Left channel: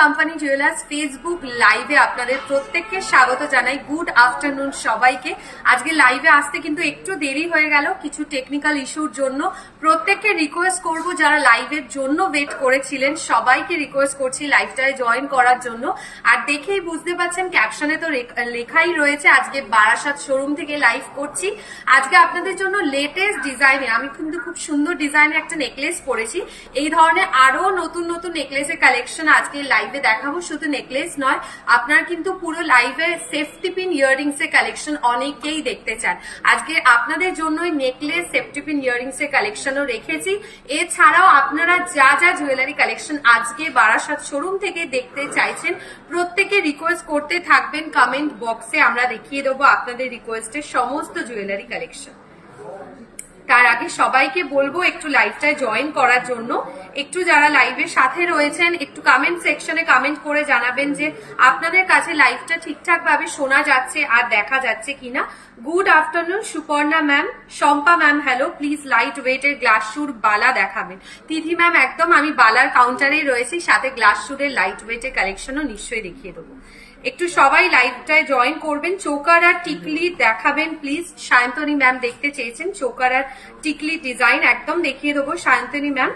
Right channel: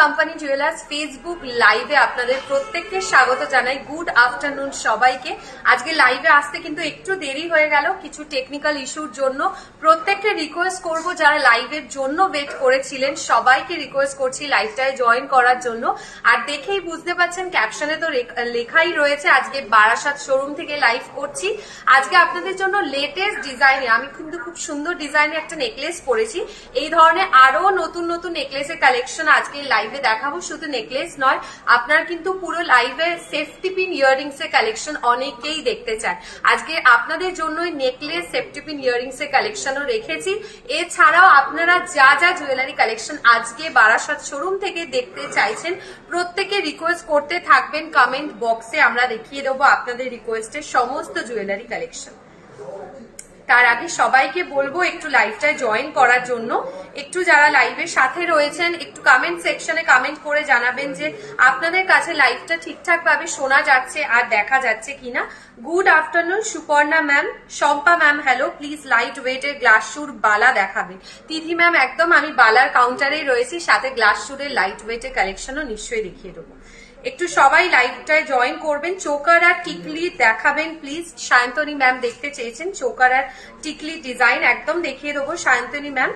Company jewellers Facebook লাইভে আপনাদের প্রত্যেককে স্বাগত জানাই। গুড আফটারনুন সবাইকে। আজকে লাইভে আসতে কিন্তু একটু দেরি হয়ে গেল কিছু টেকনিক্যাল ইস্যুর জন্য। প্রত্যেককে রিকোয়েস্ট করব যারা লাইভের জন্য ওয়েট করেছিলেন সবাইকে রিকোয়েস্ট করছি লাইভটায় জয়েন করার জন্য। আর দেখেই বুঝতে পারছেন ক্যাপশনে তো লেখাই রয়েছে আজকে বারাসাত শোরুম থেকে লাইভ করছি। আজকে আপনাদের জন্য লেটেস্ট ডিজাইনে আমি কিন্তু খুব সুন্দর ডিজাইনের একটা নেকলেস পরেছি। এই ধরনের আরো নতুন নতুন নেকলেসের কালেকশন আজকে লাইভে দেখাবো। শুধু নেকলেস নয়, আপনারা কিন্তু পুরো লাইভে সেফটি পিন ইয়াররিংস এর কালেকশন অনেকেই দেখতে চান। আজকে আপনাদের জন্যই নেকলেস সেফটি পিন ইয়াররিংস এর কালেকশনও রেখেছি। এছাড়াও আপনারা যা যা জুয়েলারি কালেকশন আজকে বারাসাত শোরুম থেকে দেখতে চাইছেন প্রত্যেকে রিকোয়েস্ট করতে থাকবেন কমেন্ট বক্সে, আমরা দেখিয়ে দেবো আপনাদের রিকোয়েস্টের সমস্ত জুয়েলারি কালেকশন। তার আগে সবাইকে বলবো একটু লাইভটায় জয়েন করার জন্য। একটু যারা লাইভের সাথে রয়েছেন একটু কমেন্ট সেকশনে কমেন্ট করে জানাবেন যে আপনাদের কাছে লাইভটা ঠিকঠাক ভাবে শোনা যাচ্ছে আর দেখা যাচ্ছে কিনা। Good afternoon Suparna ma'am, Shampa ma'am hello. Please light ওয়েটের গ্লাস শুর বালা দেখাবেন। তিথি ম্যাম একদম আমি বালার কাউন্টারেই রয়েছি, সাথে গ্লাস শুরের লাইট ওয়েটের কালেকশনও নিশ্চয়ই দেখিয়ে দেবো। একটু সবাই লাইভটায় জয়েন করবেন। চোকার আর টিকলি দেখাবেন প্লিজ। সায়ন্তনী ম্যাম দেখতে চেয়েছেন চোকার আর টিকলি ডিজাইন, একদম দেখিয়ে দেবো সায়ন্তনী ম্যাম।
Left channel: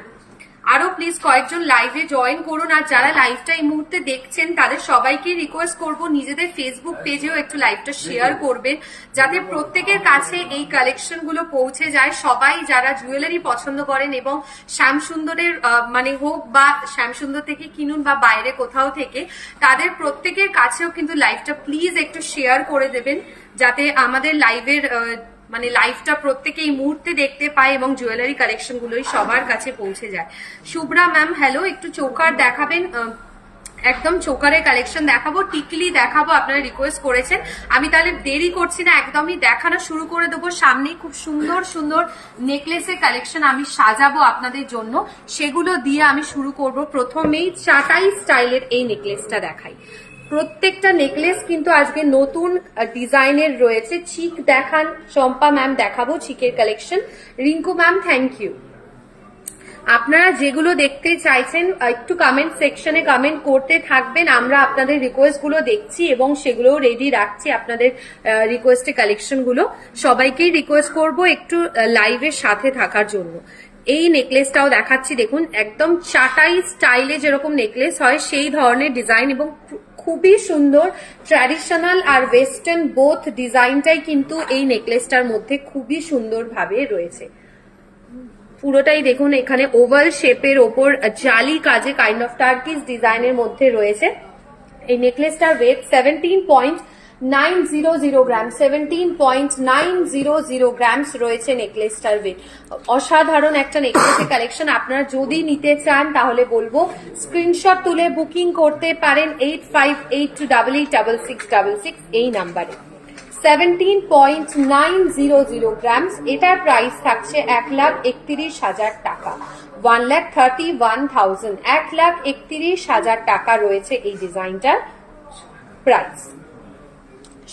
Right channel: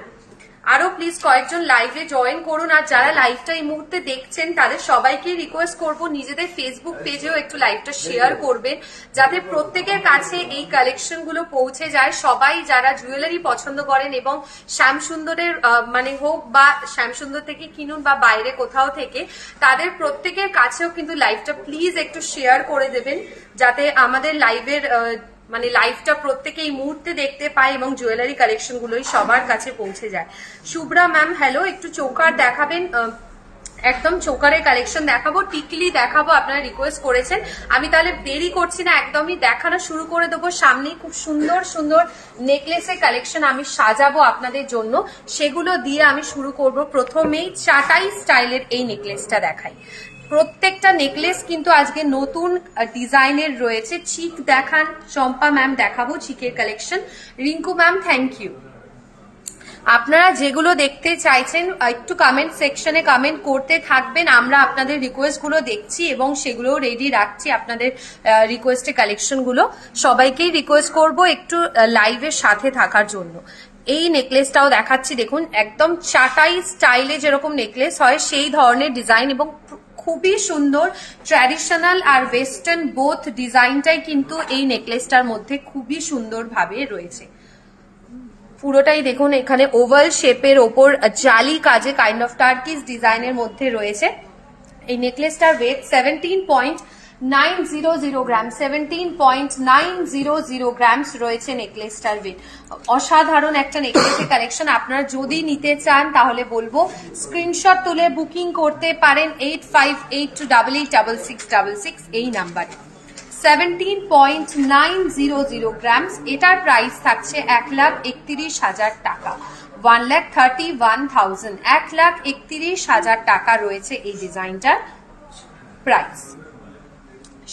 আরো প্লিজ কয়েকজন লাইভে জয়েন করুন। আর যারা লাইভটা এই মুহূর্তে দেখছেন তাদের সবাইকে রিকোয়েস্ট করব নিজেদের ফেসবুক পেজেও একটু লাইভটা শেয়ার করবেন যাতে প্রত্যেকের কাছে এই কালেকশন গুলো পৌঁছে যায়। সবাই যারা জুয়েলারি পছন্দ করেন এবং শ্যামসুন্দরের মানে হোক বা শ্যামসুন্দর থেকে কিনুন বা বাইরে কোথাও থেকে, তাদের প্রত্যেকের কাছেও কিন্তু লাইভটা প্লিজ একটু শেয়ার করে দেবেন যাতে আমাদের লাইভের মানে লাইভটা প্রত্যেকে এই মুহূর্তে দেখতে পায় এবং জুয়েলারি কালেকশন গুলোই সবার কাছে পৌঁছে যায়। শুভ্রা ম্যাম হ্যালো, একটু চোকার দেখাবেন। একদম চোকারের কালেকশন দেখাবো, টিকলি দেখাবো, আপনারা রিকোয়েস্ট করেছেন। আমি তাহলে দেরি করছি না, একদমই দেখানো শুরু করে দেবো। সামনেই খুব সুন্দর সুন্দর নেকলেসের কালেকশন আমি সাজাবো আপনাদের জন্য, সেগুলো দিয়ে আমি শুরু করব। প্রথমেই চাটাই স্টাইলের এই নেকলেসটা দেখাই। প্রত্যেকটা নেকলেস কিন্তু আজকে নতুন ডিজাইনের রয়েছে। চিক দেখান শম্পা ম্যাম, দেখাবো চিকের collection. Rinku ma'am thank you. আপনারা যেগুলো দেখতে চাইছেন একটু কমেন্ট সেকশনে কমেন্ট করতে থাকবেন, আমরা আপনাদের রিকোয়েস্ট গুলো দেখছি এবং সেগুলো রেডি রাখছি। আপনাদের রিকোয়েস্টের কালেকশন গুলো সবাইকেই রিকোয়েস্ট করব একটু লাইভের সাথে থাকার জন্য। এই নেকলেসটাও দেখাচ্ছি, দেখুন একদম চাটাই স্টাইলে যেরকম নেকলেস হয় সেই ধরনের ডিজাইন এবং খুবই সুন্দর। ট্র্যাডিশনাল আর ওয়েস্টার্ন বোথ ডিজাইনটাই কিন্তু এই নেকলেসটার মধ্যে খুবই সুন্দর ভাবে রয়েছে। পুরোটাই দেখুন এখানে ওভাল শেপের ওপর জালি কাজে কাইন্ড অফ টার্কিশ ডিজাইনের মধ্যে রয়েছে। এই নেকলেসটার ওয়েট 17.900 গ্রাম, 17.900 গ্রামস রয়েছে নেকলেসটার ওয়েট। অসাধারণ একটা নেকলেসের কালেকশন। আপনারা যদি নিতে চান তাহলে বলবো স্ক্রিনশট তুলে বুকিং করতে পারেন 8582886666 এই নাম্বারে। 17.900 গ্রামস, এটার প্রাইস থাকছে 1,31,000 টাকা। 1,31,000, 1,31,000 টাকা রয়েছে এই ডিজাইনটার প্রাইস।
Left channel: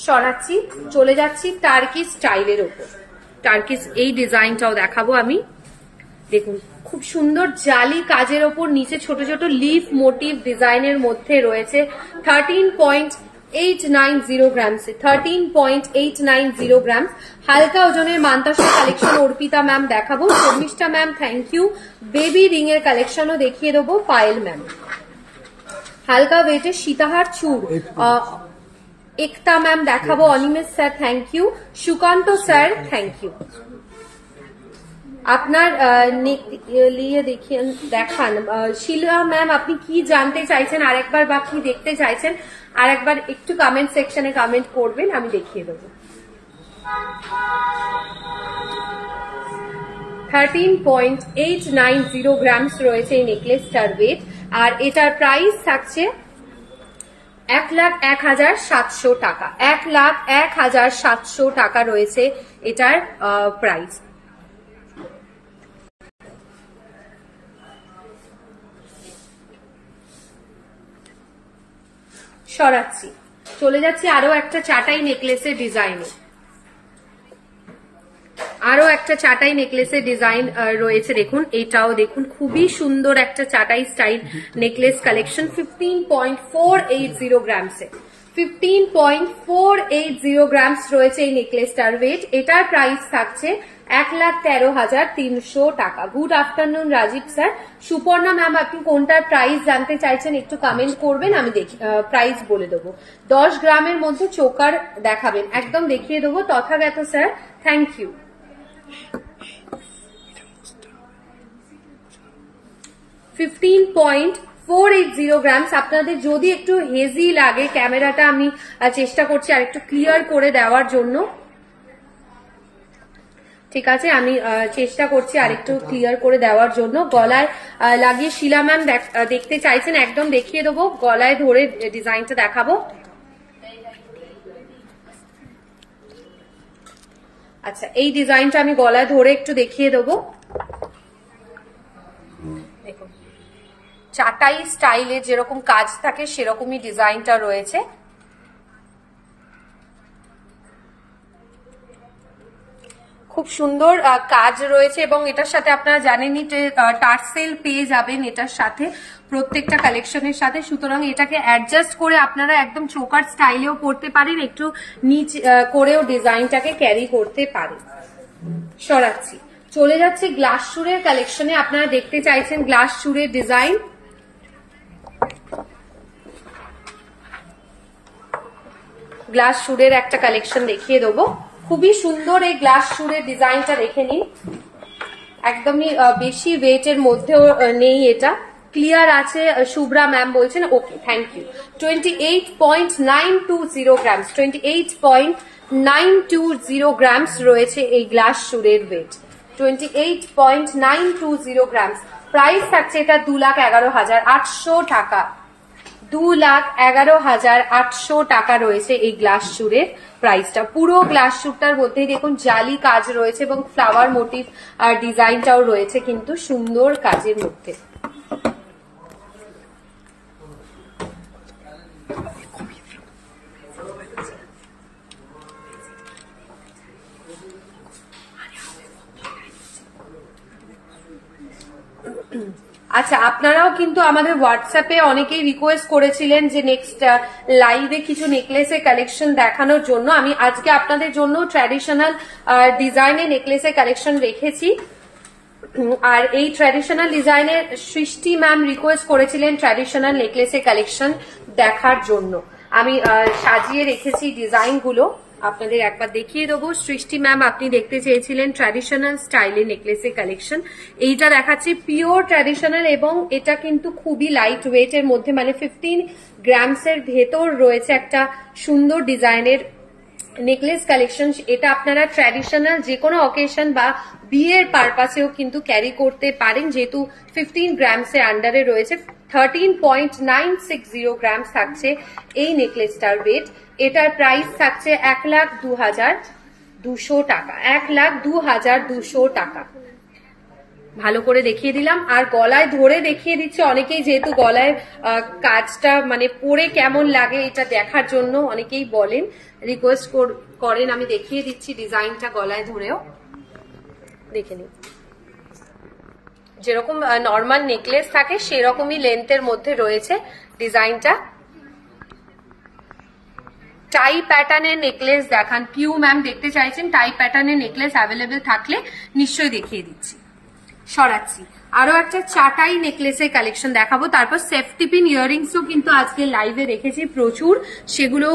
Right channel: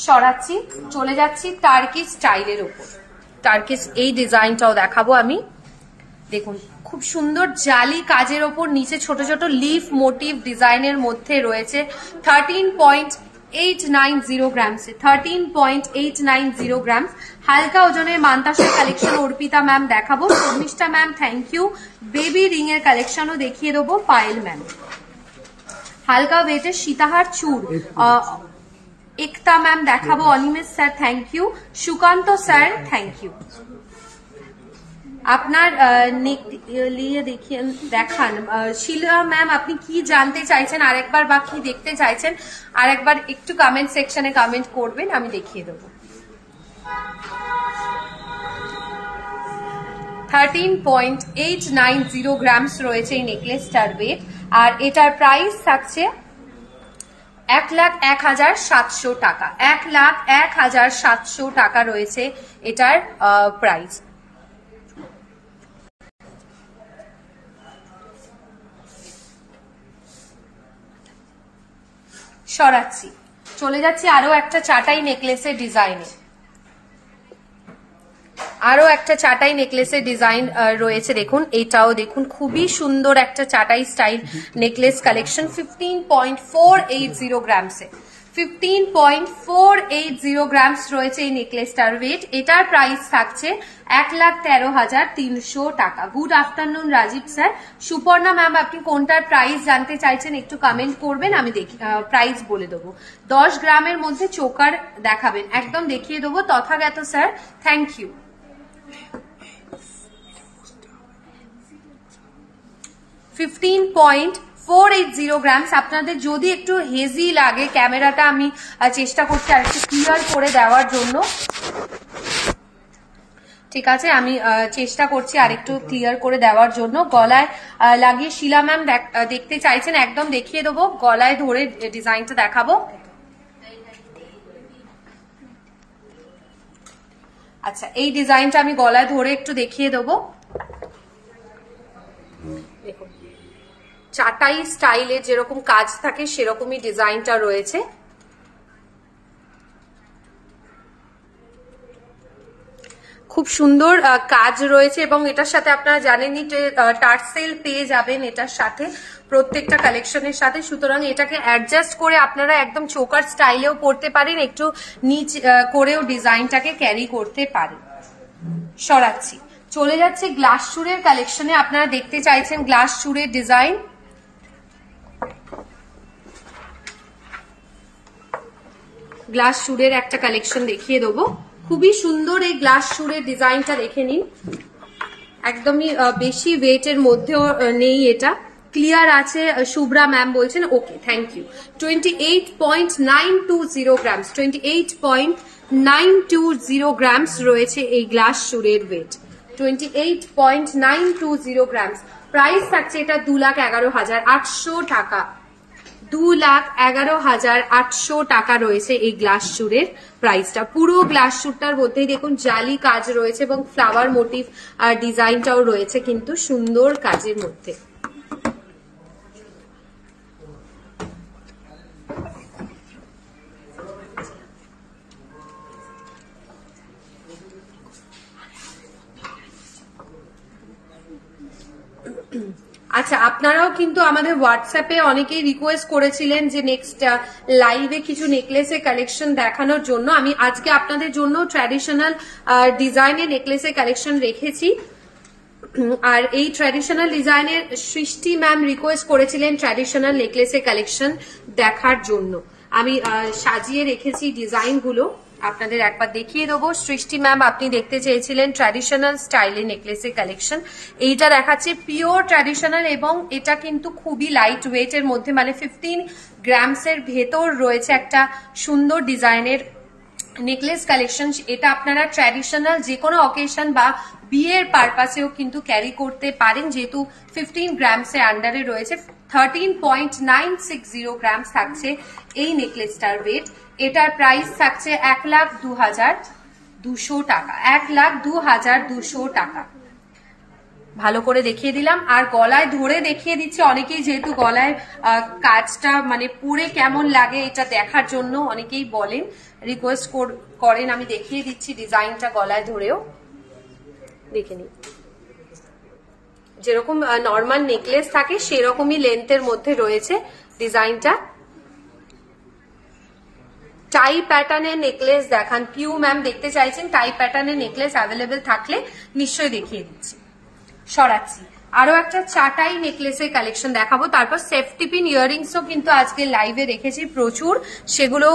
সরাচ্ছি, চলে যাচ্ছি টার্কিশ স্টাইলের উপর। টার্কিশ এই ডিজাইনটাও দেখাবো আমি। দেখুন খুব সুন্দর জালি কাজের ওপর নিচে ছোট ছোট লিফ মোটিভ ডিজাইনের মধ্যে রয়েছে। 13.890 গ্রামস, 13.890 গ্রামস। হালকা ওজনের মান্তাসা কালেকশন অর্পিতা ম্যাম দেখাবো। Sharmistha ma'am thank you. Baby ring এর কালেকশনও দেখিয়ে দেবো পায়েল ম্যাম। হালকা ওয়েটের সীতাহার চুর একতা ম্যাম দেখাবো। Animesh sir thank you. Sukanta sir thank you. আপনার নিয়ে দেখান। শিলা ম্যাম আপনি কি জানতে চাইছেন আরেকবার বা কি দেখতে চাইছেন আরেকবার একটু কমেন্ট সেকশনে কমেন্ট করবেন, আমি দেখিয়ে দেবো। 13.890 গ্রামস রয়েছে এই নেকলেসটার ওয়েট আর এটার প্রাইস থাকছে 1,01,700 টাকা। 1,01,700 টাকা রয়েছে এটার প্রাইস। সরাচ্ছি, চলে যাচ্ছি আরো একটা চাটাই নেকলেসের ডিজাইনে। আরো একটা চাটাই নেকলেসের ডিজাইন রয়েছে, দেখুন এটাও দেখুন খুবই সুন্দর একটা চাটাই স্টাইল নেকলেস কালেকশন 15.480 গ্রামসে। 15.480 গ্রামস রয়েছে এই নেকলেসটার ওয়েট। এটার প্রাইস থাকছে 1,13,300 টাকা। Good afternoon Rajib sir. Suparna ma'am, আপনি কোনটার প্রাইস জানতে চাইছেন একটু কমেন্ট করবেন, আমি দেখি প্রাইস বলে দেবো। 10 গ্রামের মধ্যে চোকার দেখাবেন, একদম দেখিয়ে দেবো। Tathagata sir, thank you. 15.480 grams. আপনাদের যদি একটু হেজি লাগে, ক্যামেরাটা আমি চেষ্টা করছি আরেকটু ক্লিয়ার করে দেওয়ার জন্য, ঠিক আছে, আমি চেষ্টা করছি আরেকটু ক্লিয়ার করে দেওয়ার জন্য। গলায় লাগিয়ে শিলা ম্যাম দেখতে চাইছেন, একদম দেখিয়ে দেবো, গলায় ধরে ডিজাইনটা দেখাবো। আচ্ছা, এই ডিজাইনটা আমি গলায় ধরে একটু দেখিয়ে দেবো। দেখুন চাটাই স্টাইলে যেরকম কাজ থাকে সেরকমই ডিজাইনটা রয়েছে। খুব সুন্দর কাজ রয়েছে এবং এটার সাথে আপনারা জানেনই টার্সেল পেয়ে যাবেন এটার সাথে, প্রত্যেকটা কালেকশনের সাথে। সুতরাং এটাকে অ্যাডজাস্ট করে আপনারা একদম চোকার স্টাইলেও পরতে পারেন, একটু নিচ করেও ডিজাইনটাকে ক্যারি করতে পারেন। সরাচ্ছি, চলে যাচ্ছে গ্লাস চুড়ের কালেকশনে। আপনারা দেখতে চাইছেন গ্লাস চুড়ের ডিজাইন। গ্লাস চুড়ের একটা কালেকশন দেখিয়ে দেবো, খুবই সুন্দর এই গ্লাস চুড়ের ডিজাইনটা দেখে নিন। একদমই বেশি ওয়েটের মধ্যেও নেই, এটা ক্লিয়ার আছে। শুভ্রা ম্যাম বলছেন ওকে, থ্যাংক ইউ। 28.920 গ্রামস, 28.920 গ্রামস রয়েছে এই গ্লাস চুড়ের ওয়েট। 28.920 গ্রামস। প্রাইস থাকছে এটা 2,11,800 টাকা। 2,11,800 টাকা রয়েছে এই গ্লাস চুড়ের প্রাইসটা। পুরো গ্লাস চুড়টার মধ্যেই দেখুন জালি কাজ রয়েছে এবং ফ্লাওয়ার মোটিভ আর ডিজাইনটাও রয়েছে কিন্তু সুন্দর কাজের মধ্যে। আচ্ছা, আপনারাও কিন্তু আমাদের হোয়াটসঅ্যাপে অনেকেই রিকোয়েস্ট করেছিলেন যে নেক্সট লাইভে কিছু নেকলেসের কালেকশন দেখানোর জন্য। আমি আজকে আপনাদের জন্য ট্র্যাডিশনাল ডিজাইনের নেকলেসের কালেকশন রেখেছি। আর এই ট্র্যাডিশনাল ডিজাইনের সৃষ্টি ম্যাম রিকোয়েস্ট করেছিলেন ট্র্যাডিশনাল নেকলেসের কালেকশন দেখার জন্য। আমি সাজিয়ে রেখেছি ডিজাইনগুলো, আপনাদের একবার দেখিয়ে দেবো। সৃষ্টি ম্যাম, আপনি দেখতে চেয়েছিলেন ট্র্যাডিশনাল স্টাইলে নেকলেসের কালেকশন। এইটা দেখাচ্ছে পিওর ট্র্যাডিশনাল এবং এটা কিন্তু খুবই লাইট ওয়েটের মধ্যে, মানে 15 গ্রামসের ভেতর রয়েছে একটা সুন্দর ডিজাইনের নেকলেস কালেকশন। এটা আপনারা ট্র্যাডিশনাল যে কোনো অকেশন বা বিয়ের পারপাসেও কিন্তু ক্যারি করতে পারেন, যেহেতু 15 গ্রামসের আন্ডারে রয়েছে। 13.960 গ্রামস থাকছে এই নেকলেসটার ওয়েট। এটার প্রাইস থাকছে 1,02,200 টাকা। 1,02,200 টাকা। ভালো করে দেখিয়ে দিলাম আর গলায় ধরে দেখিয়ে দিচ্ছি। অনেকেই যেহেতু গলায় কাজটা মানে পরে কেমন লাগে এটা দেখার জন্য অনেকেই বলেন, রিকোয়েস্ট করেন। আমি দেখিয়ে দিচ্ছি ডিজাইনটা গলায় ধরেও দেখে নিন। যেরকম নর্মাল নেকলেস থাকে সেরকমই লেন্থের মধ্যে রয়েছে ডিজাইনটা। টাই প্যাটার্নের নেকলেস দেখান, পিউ ম্যাম দেখতে চাইছেন। টাই প্যাটার্নের নেকলেস অ্যাভেলেবেল থাকলে নিশ্চয়ই দেখিয়ে দিচ্ছি। সরাচ্ছি, আরো একটা চাটাই নেকলেসের কালেকশন দেখাবো। তারপর সেফটি পিন ইয়াররিংসও কিন্তু আজকে লাইভে রেখেছি প্রচুর, সেগুলো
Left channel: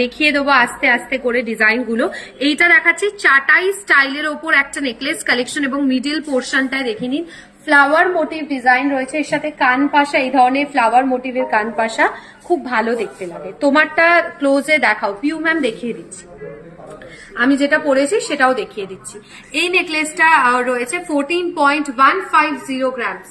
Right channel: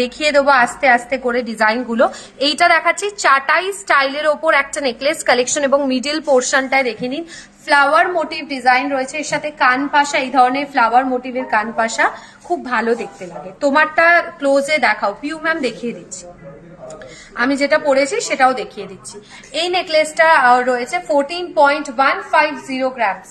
দেখিয়ে দেবো আস্তে আস্তে করে ডিজাইনগুলো। এইটা দেখাচ্ছি চাটাই স্টাইলের ওপর একটা নেকলেস কালেকশন এবং মিডিল পোর্শনটায় দেখে নিন ফ্লাওয়ার মোটিভ ডিজাইন রয়েছে, এর সাথে কান পাশা, এই ধরনের ফ্লাওয়ার মোটিভের কান পাশা খুব ভালো দেখতে লাগে। তোমারটা ক্লোজে দেখাও পিউ ম্যাম, দেখিয়ে দিচ্ছি। আমি যেটা পরেছি সেটাও দেখিয়ে দিচ্ছি। এই নেকলেসটা রয়েছে 14.150 গ্রামস।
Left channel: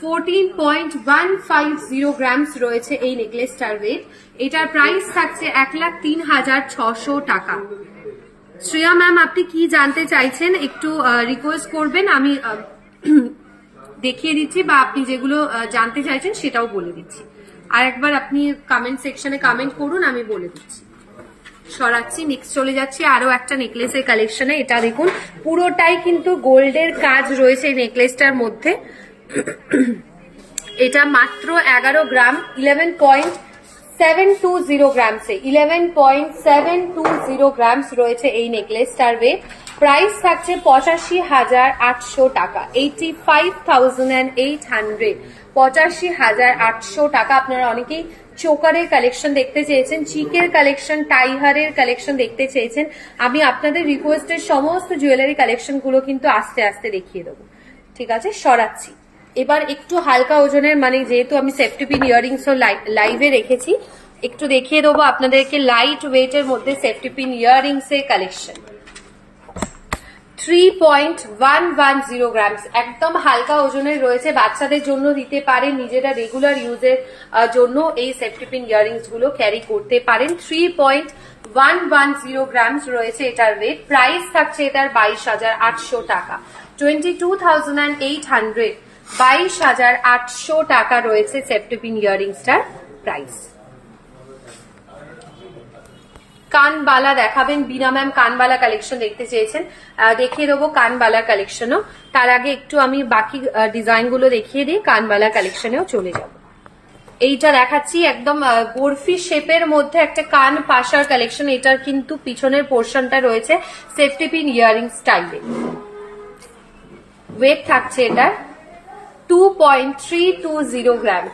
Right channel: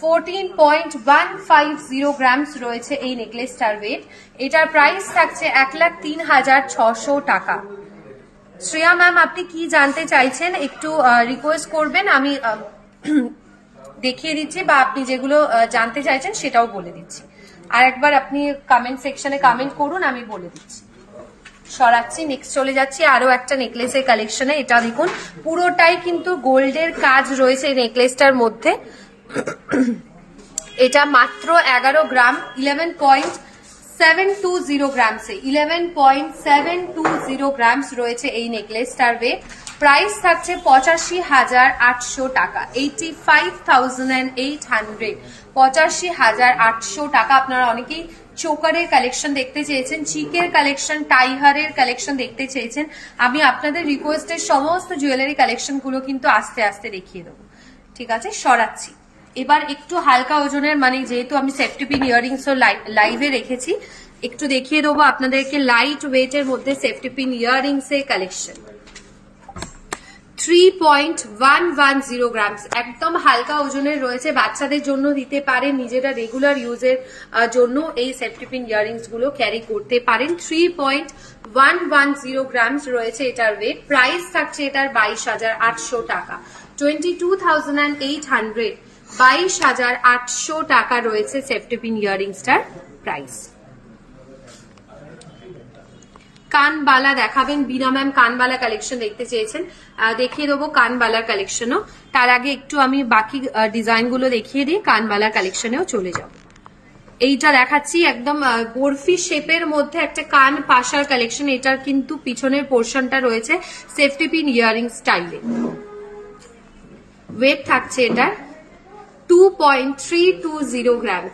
14.150 গ্রামস রয়েছে এই নেকলেসটার ওয়েট। এটার প্রাইস থাকছে 1,03,600 টাকা। শ্রেয়া ম্যাম, আপনি কি জানতে চাইছেন একটু রিকোয়েস্ট করবেন, আমি দেখিয়ে দিচ্ছি, বা আপনি যেগুলো জানতে চাইছেন সেটাও বলে দিচ্ছি। আর একবার আপনি কমেন্ট সেকশনে কমেন্ট করুন, আমি বলে দিচ্ছি। সরাচ্ছি। নেক্সট চলে যাচ্ছি আরো একটা নেকলেসের কালেকশনে। এটা দেখুন পুরোটাই কিন্তু গোল্ডের কাজ রয়েছে এই নেকলেসটার মধ্যে। এটা মাত্র 11 গ্রাম 11.720 গ্রামসে 11.720 গ্রামস রয়েছে এই নেকলেসটার ওয়েট। প্রাইস থাকছে 85,800 টাকা, 85,800, 85,800 টাকা। আপনারা অনেকেই চোকারের কালেকশন দেখতে চেয়েছেন, চিকের কালেকশন, টাইহারের কালেকশন দেখতে চেয়েছেন। আমি আপনাদের রিকোয়েস্টের সমস্ত জুয়েলারি কালেকশন গুলো কিন্তু আস্তে আস্তে দেখিয়ে দেবো। ঠিক আছে, সরাচ্ছি। এবার একটু হালকা ওজনের, মানে যেহেতু আমি সেফটি পিন ইয়াররিংস লাইভে রেখেছি, একটু দেখিয়ে দেবো আপনাদেরকে লাইট ওয়েটের মধ্যে সেফটি পিন ইয়াররিংস এর কালেকশন। 3.110 গ্রামস, একদম হালকা ওজনের রয়েছে, বাচ্চাদের জন্য দিতে পারেন, নিজেরা রেগুলার ইউজের জন্য এই সেফটি পিন ইয়াররিংস গুলো ক্যারি করতে পারেন। 3.110 গ্রামস রয়েছে এটার ওয়েট। প্রাইস থাকছে এটার 22,800 টাকা, 22,800, 22,800 টাকা রয়েছে সেফটি পিন ইয়াররিংসটার প্রাইস। কানবালা দেখাবেন, বিনা ম্যাম কানবালা কালেকশন দেখতে চেয়েছেন, দেখিয়ে দেবো কানবালার কালেকশনও। তার আগে একটু আমি বাকি ডিজাইন গুলো দেখিয়ে দিই, কানবালার কালেকশনেও চলে যাব। এইটা দেখাচ্ছি একদম বরফি শেপের মধ্যে একটা কান পাশার কালেকশন। এটার কিন্তু পিছনের পোর্শনটা রয়েছে সেফটি পিন ইয়াররিং স্টাইলে। ওয়েট থাকছে এটার 2.320 গ্রাম,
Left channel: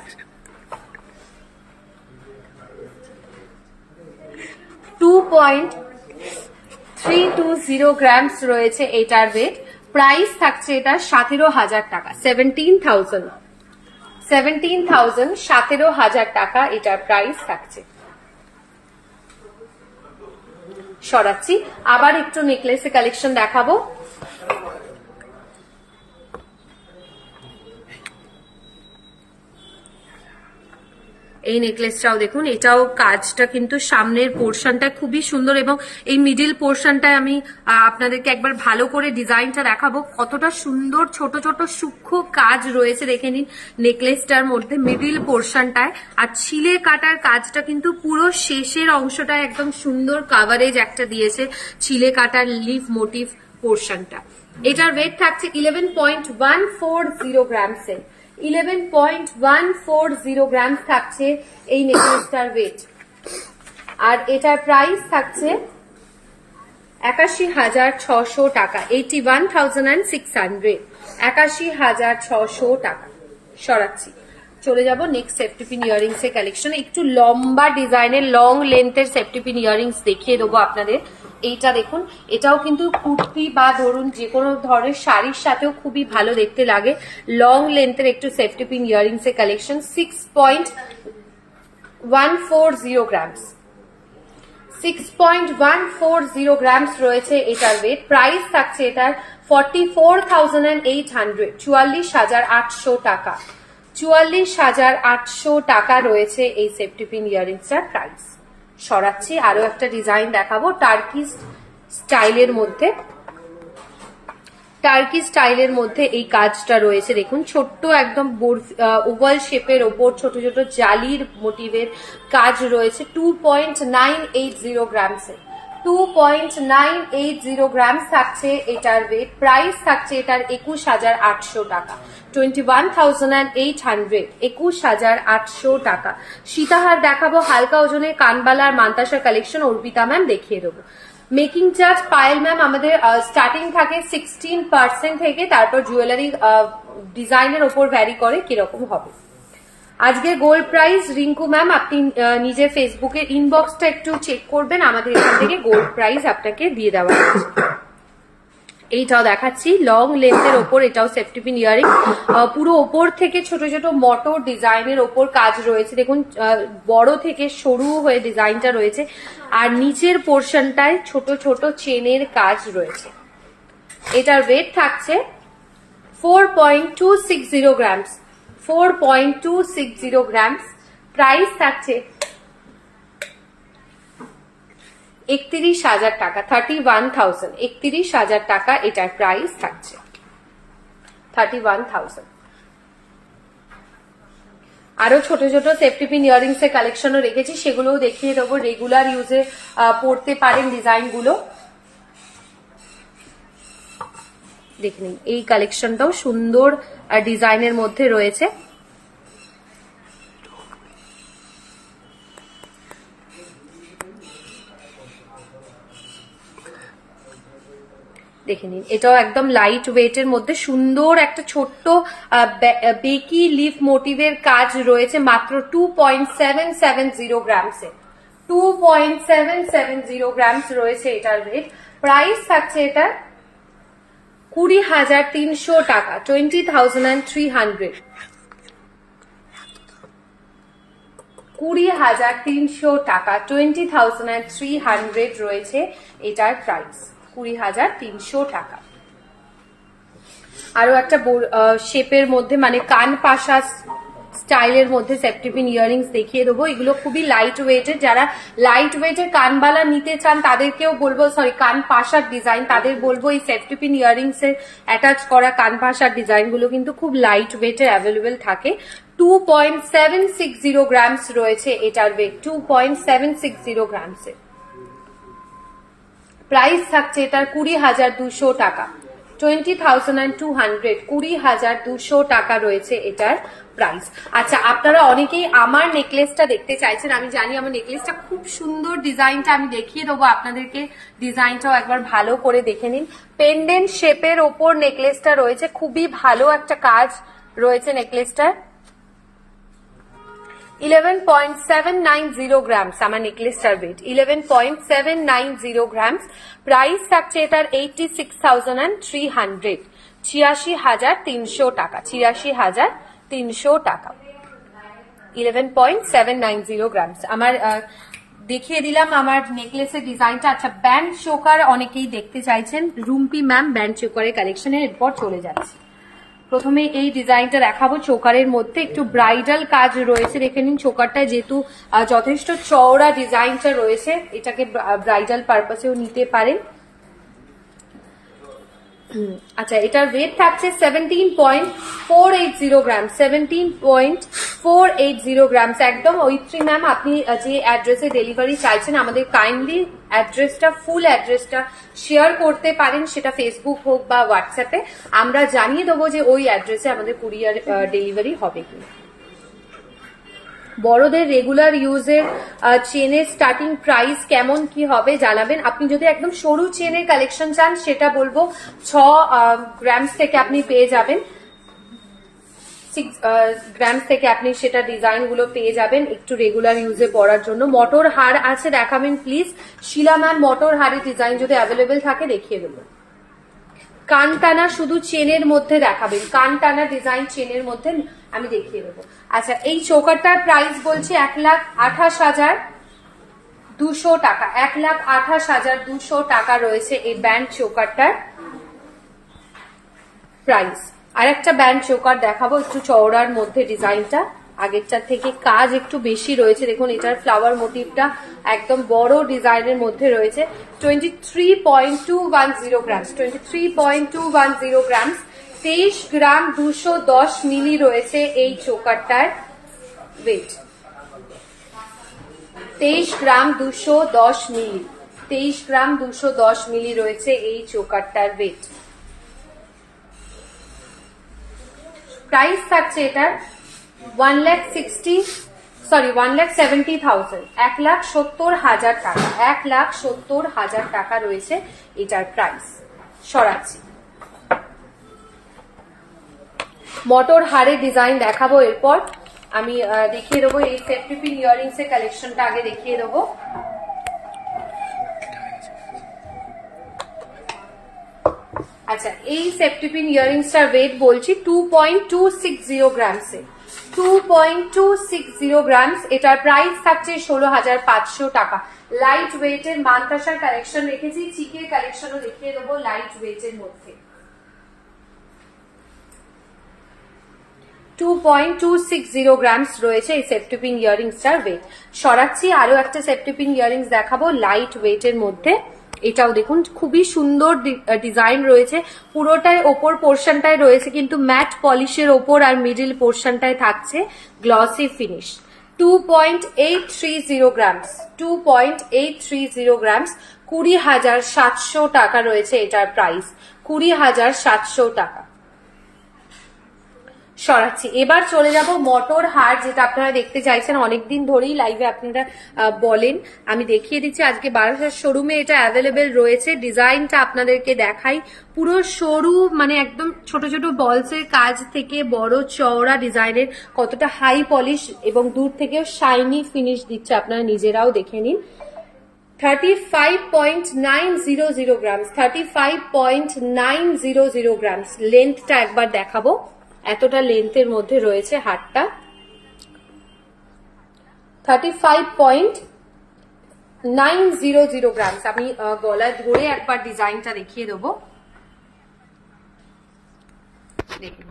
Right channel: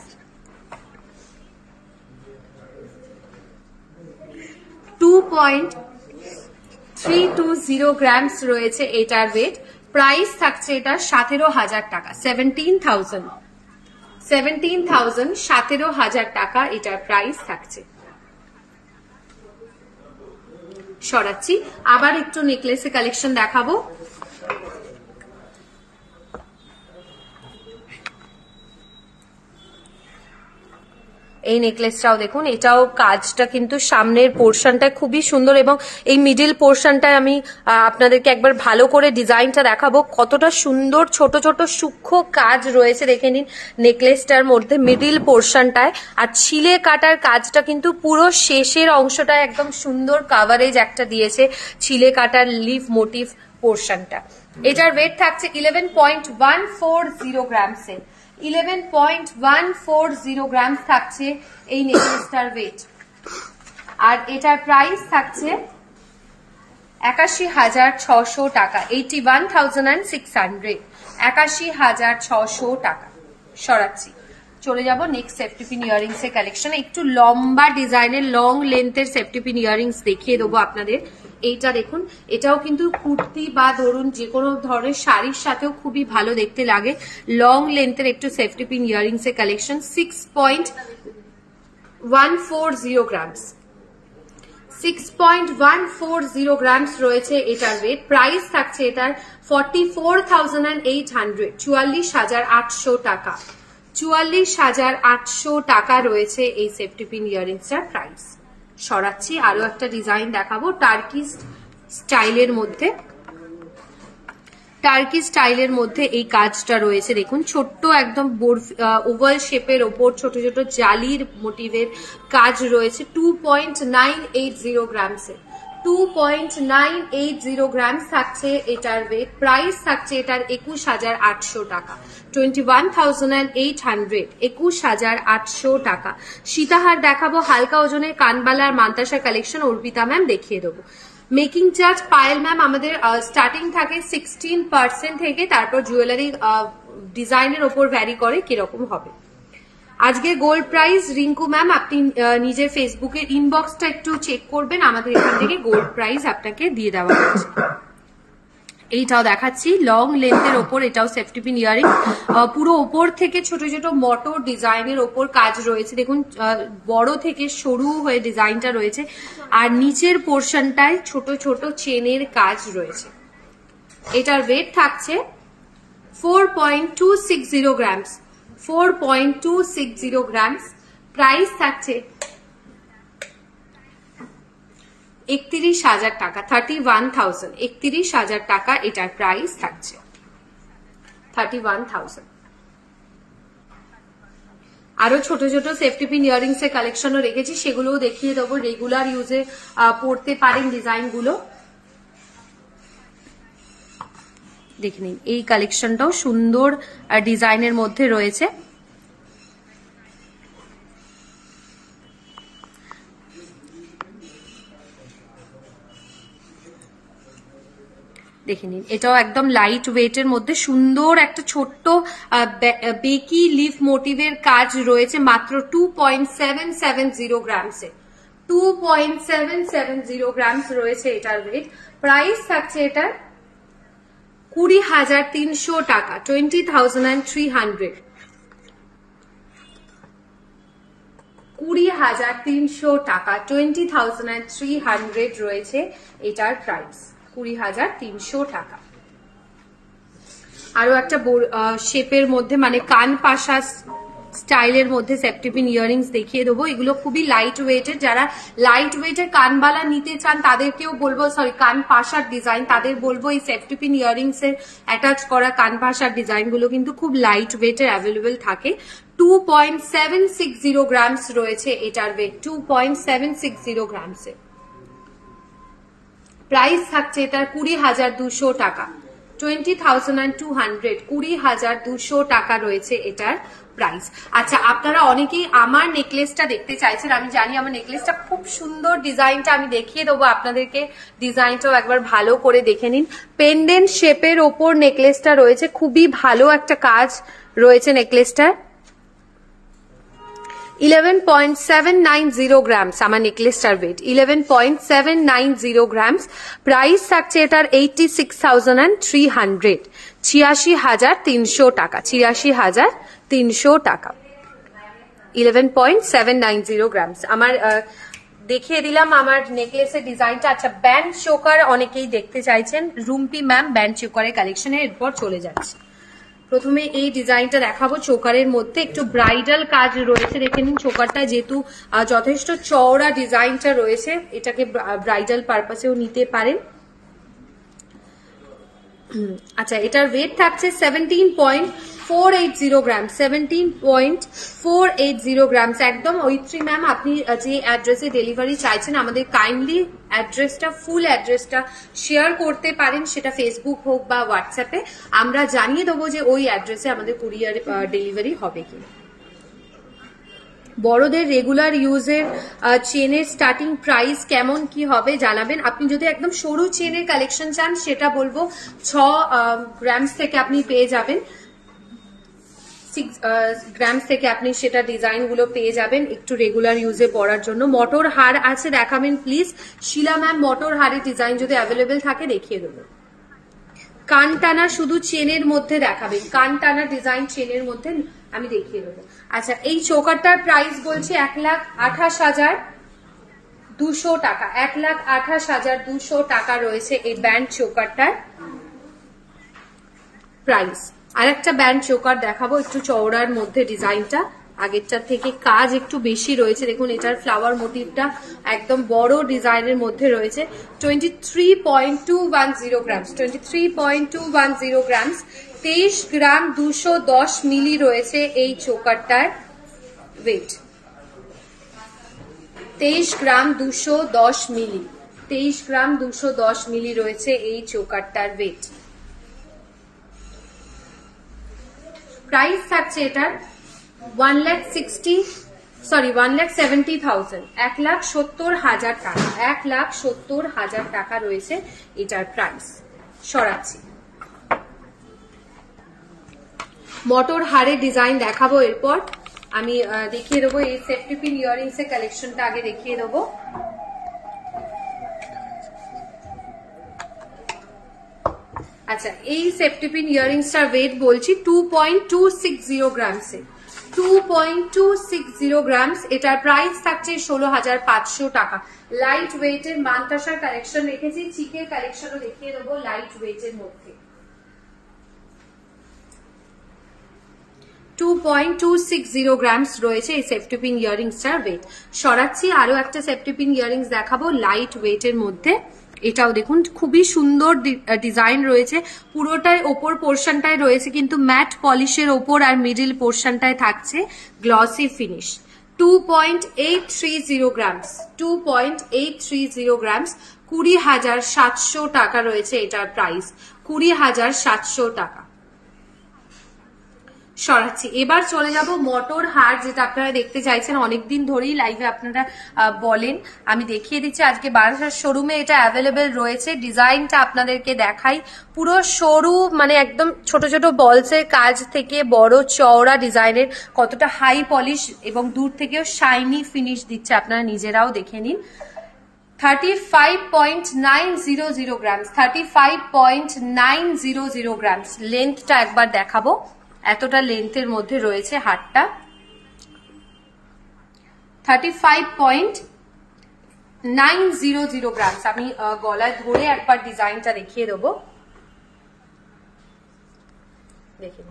2.320 গ্রামস রয়েছে এটার ওয়েট। প্রাইস থাকছে এটার 17,000 টাকা, 17,000, 17,000 টাকা এটার প্রাইস থাকছে। সরাচ্ছি, আবার একটু নেকলেসের কালেকশন দেখাবো। এই নেকলেসটাও দেখুন, এটাও কাজটা কিন্তু সামনের পোর্শনটা খুবই সুন্দর, এবং এই মিডিল পোর্শনটা আমি আপনাদেরকে একবার ভালো করে ডিজাইনটা দেখাবো, কতটা সুন্দর ছোট ছোট সূক্ষ্ম কাজ রয়েছে দেখে নিন নেকলেসটার মধ্যে মিডিল পোর্শনটায়। আর ছিলে কাটার কাজটা কিন্তু পুরো শেষের অংশটা একদম সুন্দর কাভারেজ একটা দিয়েছে ছিলে কাটার লিভ মোটিভ পোর্শনটা। এটার ওয়েট থাকছে 11.140 গ্রামসে, 11.140 গ্রাম থাকছে এই নেকলেসটার ওয়েট। আর এটার প্রাইস থাকছে 81,600 টাকা, 81,600, 81,600 টাকা। সরাচ্ছি, চলে যাব নেক্সট সেফটি পিন ইয়াররিংস এর কালেকশন। একটু লম্বা ডিজাইনের লং লেন্থের সেফটি পিন ইয়াররিংস দেখিয়ে দেবো আপনাদের। এইটা দেখুন, এটাও কিন্তু কুর্তি বা ধরুন যে কোনো ধরনের শাড়ির সাথেও খুবই ভালো দেখতে লাগে। লং লেন্থের একটু সেফটি পিন ইয়াররিংস এর কালেকশন। 6.140 গ্রামস, 6.140 গ্রামস রয়েছে এটার ওয়েট। প্রাইস থাকছে এটার 44,800, 44,800 টাকা, 44,800 টাকা রয়েছে এই সেফটি পিন ইয়াররিংসটার প্রাইস। সরাচ্ছি, আরো একটা ডিজাইন দেখাবো টার্কি স্টাইলের মধ্যে। টার্কি স্টাইলের মধ্যে এই কাজটা রয়েছে দেখুন, ছোট্ট একদম ওভাল শেপের ওপর ছোট ছোট জালির মোটিভের কাজ রয়েছে। 2.980 গ্রামসে, 2.980 গ্রামস থাকছে এটার ওয়েট। প্রাইস থাকছে এটার 21,800 টাকা, 21,800, 21,800 টাকা। সীতাহার দেখাবো, হালকা ওজনের কানবালার মান্তাসার কালেকশন অর্পিতা ম্যাম দেখিয়ে দেবো। মেকিং চার্জ পায়েল ম্যাম আমাদের স্টার্টিং থাকে 16% থেকে, তারপর জুয়েলারি ডিজাইনের ওপর ভ্যারি করে কিরকম হবে। আজকে গোল্ড প্রাইস রিঙ্কু ম্যাম আপনি নিজের ফেসবুকে ইনবক্সটা একটু চেক করবেন, আমাদের এখান থেকে গোল্ড প্রাইস আপনাকে দিয়ে দেওয়া হচ্ছে। এইটাও দেখাচ্ছি লং লেন্থের ওপর, এটাও সেফটি পিন ইয়ারিং, পুরো ওপর থেকে ছোট ছোট মটর ডিজাইনের ওপর কাজ রয়েছে দেখুন, বড় থেকে সরু হয়ে ডিজাইনটা রয়েছে, আর নিচের পোর্শনটায় ছোট ছোট চেনের কাজ রয়েছে। এটার ওয়েট থাকছে 4.260 গ্রামস, 4.260 গ্রামস। প্রাইস থাকছে 31,000 টাকা, 31,000, 31,000 টাকা এটার প্রাইস থাকছে, 31,000। আরো ছোট ছোট সেফটি পিন ইয়ারিংস এর কালেকশনও রেখেছি, সেগুলোও দেখিয়ে দেবো। রেগুলার ইউজে পড়তে পারেন ডিজাইন গুলো। দেখে নিন, এই কালেকশনটাও সুন্দর ডিজাইনের মধ্যে রয়েছে। দেখে নিন, এটাও একদম লাইট ওয়েট এর মধ্যে সুন্দর একটা ছোট্ট বেকি লিফ মোটিভের কাজ রয়েছে, মাত্র 2.770 গ্রামসে। 2.770 গ্রামস রয়েছে এটার ওয়েট। প্রাইস থাকছে এটার 20,300 টাকা, 20,300। 20,300 টাকা, 20,300 রয়েছে এটার প্রাইস, 20,300 টাকা। আরো একটা শেপের মধ্যে মানে কান পাশা স্টাইলের মধ্যে সেফটি পিন ইয়ারিংস দেখিয়ে দেবো। এগুলো খুবই লাইট ওয়েটের, যারা লাইট ওয়েটের কানবালা নিতে চান তাদেরকেও বলবো, সরি কান পাশার ডিজাইন, তাদের বলবো এই সেফটি পিন ইয়ারিংস এর অ্যাটাচ করা কান পাশার ডিজাইন গুলো কিন্তু খুব লাইট ওয়েটের অ্যাভেলেবেল থাকে। 2.760 গ্রামস রয়েছে এটার ওয়েট, 2.760 গ্রামসে। প্রাইস থাকছে এটার 20,200 টাকা, 20,200, 20,200 টাকা রয়েছে এটার প্রাইস। আচ্ছা, আপনারা অনেকেই আমার নেকলেসটা দেখতে চাইছেন, আমি জানি আমার নেকলেসটা খুব সুন্দর, ডিজাইনটা আমি দেখিয়ে দেবো আপনাদেরকে, ডিজাইনটাও একবার ভালো করে দেখে নিন। পেন্ডেন্ট শেপের ওপর নেকলেসটা রয়েছে, খুবই ভালো একটা কাজ রয়েছে নেকলেসটার। 11.790 গ্রামস আমার নেকলেসটার ওয়েট, 11.790 গ্রামস। প্রাইস থাকছে এটার 86,300, 86,300 টাকা, 86,300 টাকা, 11.790 গ্রামস। আমার দেখিয়ে দিলাম আমার নেকলেসের ডিজাইনটা। আচ্ছা, ব্যান্ড চোকার অনেকেই দেখতে চাইছেন, রুম্পি ম্যাম ব্যান্ড চোকারের কালেকশনে এরপর চলে যাচ্ছে। প্রথমে এই ডিজাইনটা দেখাবো, চোকারের মধ্যে একটু ব্রাইডাল কাজ রয়েছে। দেখে নিন, চোকারটা যেহেতু যথেষ্ট চওড়া ডিজাইনটা রয়েছে, এটাকে ব্রাইডাল পারপাসেও নিতে পারেন। আচ্ছা, এটার ওয়েট থাকছে 17.480 গ্রাম, 17.480 গ্রামস। একদম ঐত্রী ম্যাম, আপনি যে অ্যাড্রেসে ডেলিভারি চাইছেন আমাদের কাইন্ডলি অ্যাড্রেসটা, ফুল অ্যাড্রেসটা শেয়ার করতে পারেন, সেটা ফেসবুক হোক বা হোয়াটসঅ্যাপে, আমরা জানিয়ে দেবো যে ওই অ্যাড্রেসে আমাদের কুরিয়ার ডেলিভারি হবে কিনা। বড়দের রেগুলার ইউজের চেনের স্টার্টিং প্রাইস কেমন কি হবে জানাবেন। আপনি যদি একদম সরু চেনের কালেকশন চান সেটা বলবো 6 গ্রামস থেকে আপনি পেয়ে যাবেন, 6 গ্রামস থেকে আপনি সেটা ডিজাইন গুলো পেয়ে যাবেন একটু রেগুলার ইউজে পড়ার জন্য। মটর হার আছে, দেখাবেন প্লিজ শিলা ম্যাম, মটর হারের ডিজাইন যদি অ্যাভেলেবেল থাকে দেখিয়ে দেবো। কান টানা শুধু চেনের মধ্যে দেখাবেন, কান টানা ডিজাইন চেনের মধ্যে আমি দেখিয়ে দেবো। আচ্ছা, এই চোকারটার প্রাইস বলছি 1,28,200 টাকা, 1,28,200 টাকা রয়েছে এই ব্যান্ড চোকারটার প্রাইস। আর একটা ব্যান্ড চোকার দেখাবো একটু চওড়ার মধ্যে, ডিজাইনটা আগেরটার থেকে কাজ একটু বেশি রয়েছে। দেখুন, এটার ফ্লাওয়ার মোটিভটা একদম বড় ডিজাইনের মধ্যে রয়েছে। 23.210 গ্রামস, 23.210 গ্রামস, 23 গ্রাম 210 মিলি রয়েছে এই চোকারটার ওয়েট, 23 গ্রাম 210 মিলি, 23 গ্রাম 210 মিলি রয়েছে এই চোকারটার ওয়েট। প্রাইস থাকছে এটার 1,70,000, 1,70,000 টাকা, 1,70,000 টাকা রয়েছে এটার প্রাইস। সরাচ্ছি, মটর হারের ডিজাইন দেখাবো এরপর। আমি দেখিয়ে দেবো এই সেফটি পিন ইয়ারিংস এর কালেকশনটা আগে দেখিয়ে দেবো। আচ্ছা, এই সেফটি পিন ইয়ারিংসটার ওয়েট বলছি 2.260 গ্রামসে, 2.260 গ্রামস। এটার প্রাইস থাকছে 16,500 টাকা। লাইট ওয়েটের মানতাসার কালেকশন রেখেছি, চিকের কালেকশনও দেখিয়ে দেবো লাইট ওয়েটের মধ্যে। 2.260 গ্রামস রয়েছে এই সেফটি পিন ইয়ারিংসটার ওয়েট। সরাচ্ছি, আরো একটা সেফটি পিন ইয়ারিংস দেখাবো লাইট ওয়েটের মধ্যে। এটাও দেখুন খুবই সুন্দর ডিজাইন রয়েছে, পুরোটাই ওপর পোর্শনটায় রয়েছে কিন্তু ম্যাট পলিশের ওপর, আর মিডিল পোর্শনটায় থাকছে গ্লসি ফিনিশ। 2.830 গ্রামস, 2.830 গ্রামস, 20,700 টাকা রয়েছে এটার প্রাইস, 20,700 টাকা। সরাচ্ছি, এবার চলে যাব মটর হার, যেটা আপনারা দেখতে চাইছেন অনেকদিন ধরেই লাইভে আপনারা বলেন। আমি দেখিয়ে দিচ্ছি, আজকে বারাসাত শোরুমে এটা অ্যাভেলেবেল রয়েছে। ডিজাইনটা আপনাদেরকে দেখাই, পুরো সরু মানে একদম ছোট ছোট বলসের কাজ থেকে বড় চওড়া ডিজাইনের, কতটা হাই পলিশ এবং দূর থেকেও শাইনি ফিনিশ দিচ্ছে, আপনারা নিজেরাও দেখে নিন। 35.900 গ্রামস, 35.900 গ্রামস। লেন্থটা একবার দেখাবো, এতটা লেন্থের মধ্যে রয়েছে হারটা। 35.900 গ্রামস। আমি গলায় ধরে একবার ডিজাইনটা দেখিয়ে দেবো, দেখুন।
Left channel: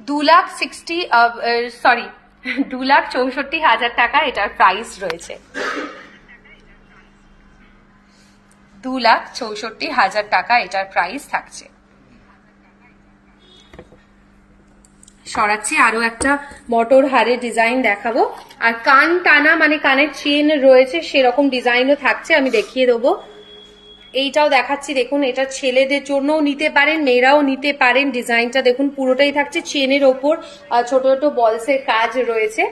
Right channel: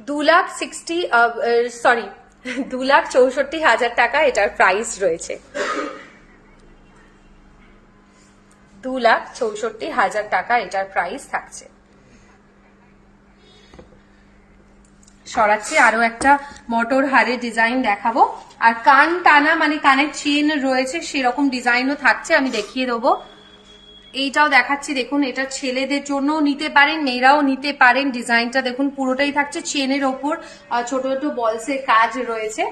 2,64,000 টাকা এটার প্রাইস রয়েছে। 2,64,000 টাকা এটার প্রাইস থাকছে। সরাচ্ছি, আরো একটা মটর হারের ডিজাইন দেখাবো, আর কান টানা মানে কানের চেন রয়েছে সেরকম ডিজাইনও থাকছে, আমি দেখিয়ে দেবো। এইটাও দেখাচ্ছি, দেখুন এটা ছেলেদের জন্যও নিতে পারেন, মেয়েরাও নিতে পারেন। ডিজাইনটা দেখুন পুরোটাই থাকছে চেনের ওপর, ছোট ছোট বলসের কাজ রয়েছে।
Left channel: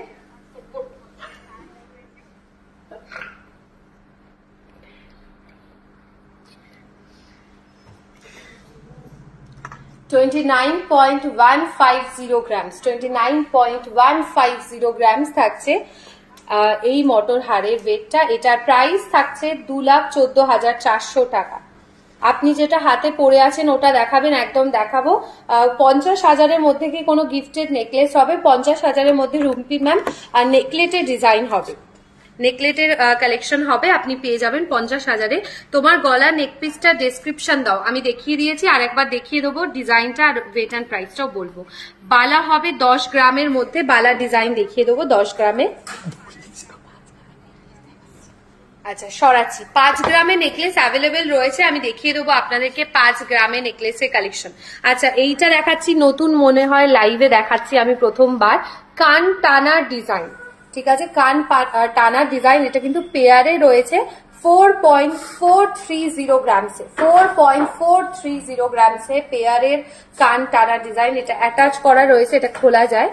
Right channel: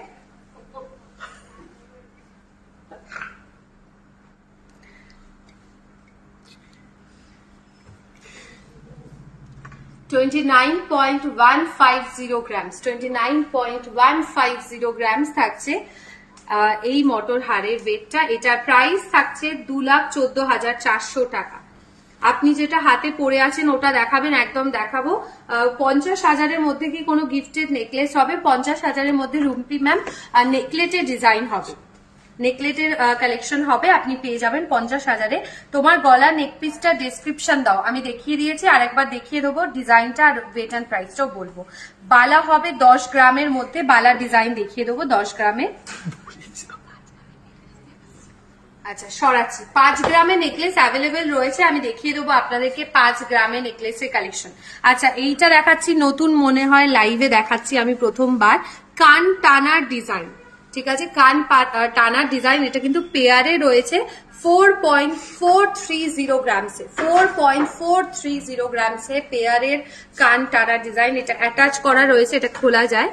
$29.150 গ্রামস, 29.150 গ্রামস থাকছে এই মটর হারের ওয়েটটা। এটার প্রাইস থাকছে 2,14,400 টাকা। আপনি যেটা হাতে পরে আছেন ওটা দেখাবেন, একদম দেখাবো। 50,000-এর মধ্যে কি কোনো গিফটেড নেকলেস হবে? 50,000-এর মধ্যে রুম্পি ম্যাম আর নেকলেটের ডিজাইন হবে, নেকলেটের কালেকশন হবে, আপনি পেয়ে যাবেন 50,000-এ। তোমার গলা নেকপিসটা ডেসক্রিপশন দাও, আমি দেখিয়ে দিয়েছি, আর একবার দেখিয়ে দেবো ডিজাইনটা আর ওয়েট অ্যান্ড প্রাইসটাও বলবো। বালা হবে 10 গ্রামের মধ্যে, বালা ডিজাইন দেখিয়ে দেবো 10 গ্রামের। আচ্ছা সরাচ্ছি, 5 গ্রামে নেকলেস অ্যাভেলেবেল রয়েছে, আমি দেখিয়ে দেবো আপনাদেরকে 5 গ্রামে নেকলেসের কালেকশন। আচ্ছা এইটা দেখাচ্ছি, নতুন মনে হয় লাইভে দেখাচ্ছি আমি প্রথমবার, কান টানার ডিজাইন, ঠিক আছে, কান টানার ডিজাইন। এটা কিন্তু পেয়ারে রয়েছে 4.430 গ্রামসে, 4.430 গ্রামসে পেয়ারের কান টানার ডিজাইন। এটা অ্যাটাচ করা রয়েছে, এটা খোলা যায়।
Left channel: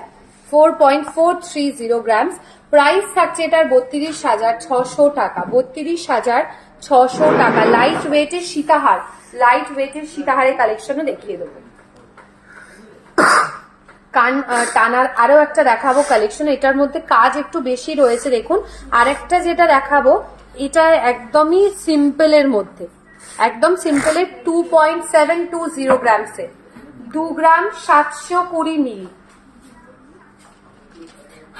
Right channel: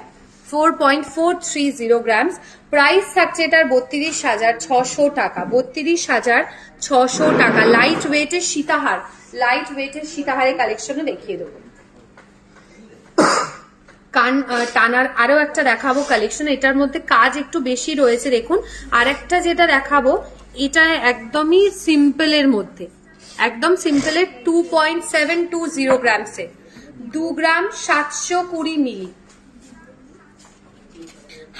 4.430 গ্রামস। প্রাইস থাকছে এটার 32,600 টাকা, 32,600 টাকা। লাইট ওয়েটের সীতাহার, লাইট ওয়েটের সীতাহারের কালেকশনও দেখিয়ে দেবো। কান টানার আরো একটা দেখাবো কালেকশন, এটার মধ্যে কাজ একটু বেশি রয়েছে দেখুন। আর একটা যেটা দেখাবো এটা একদমই সিম্পলের মধ্যে, একদম সিম্পলের 2.720 গ্রামসে, 2 গ্রাম 720 মিলি।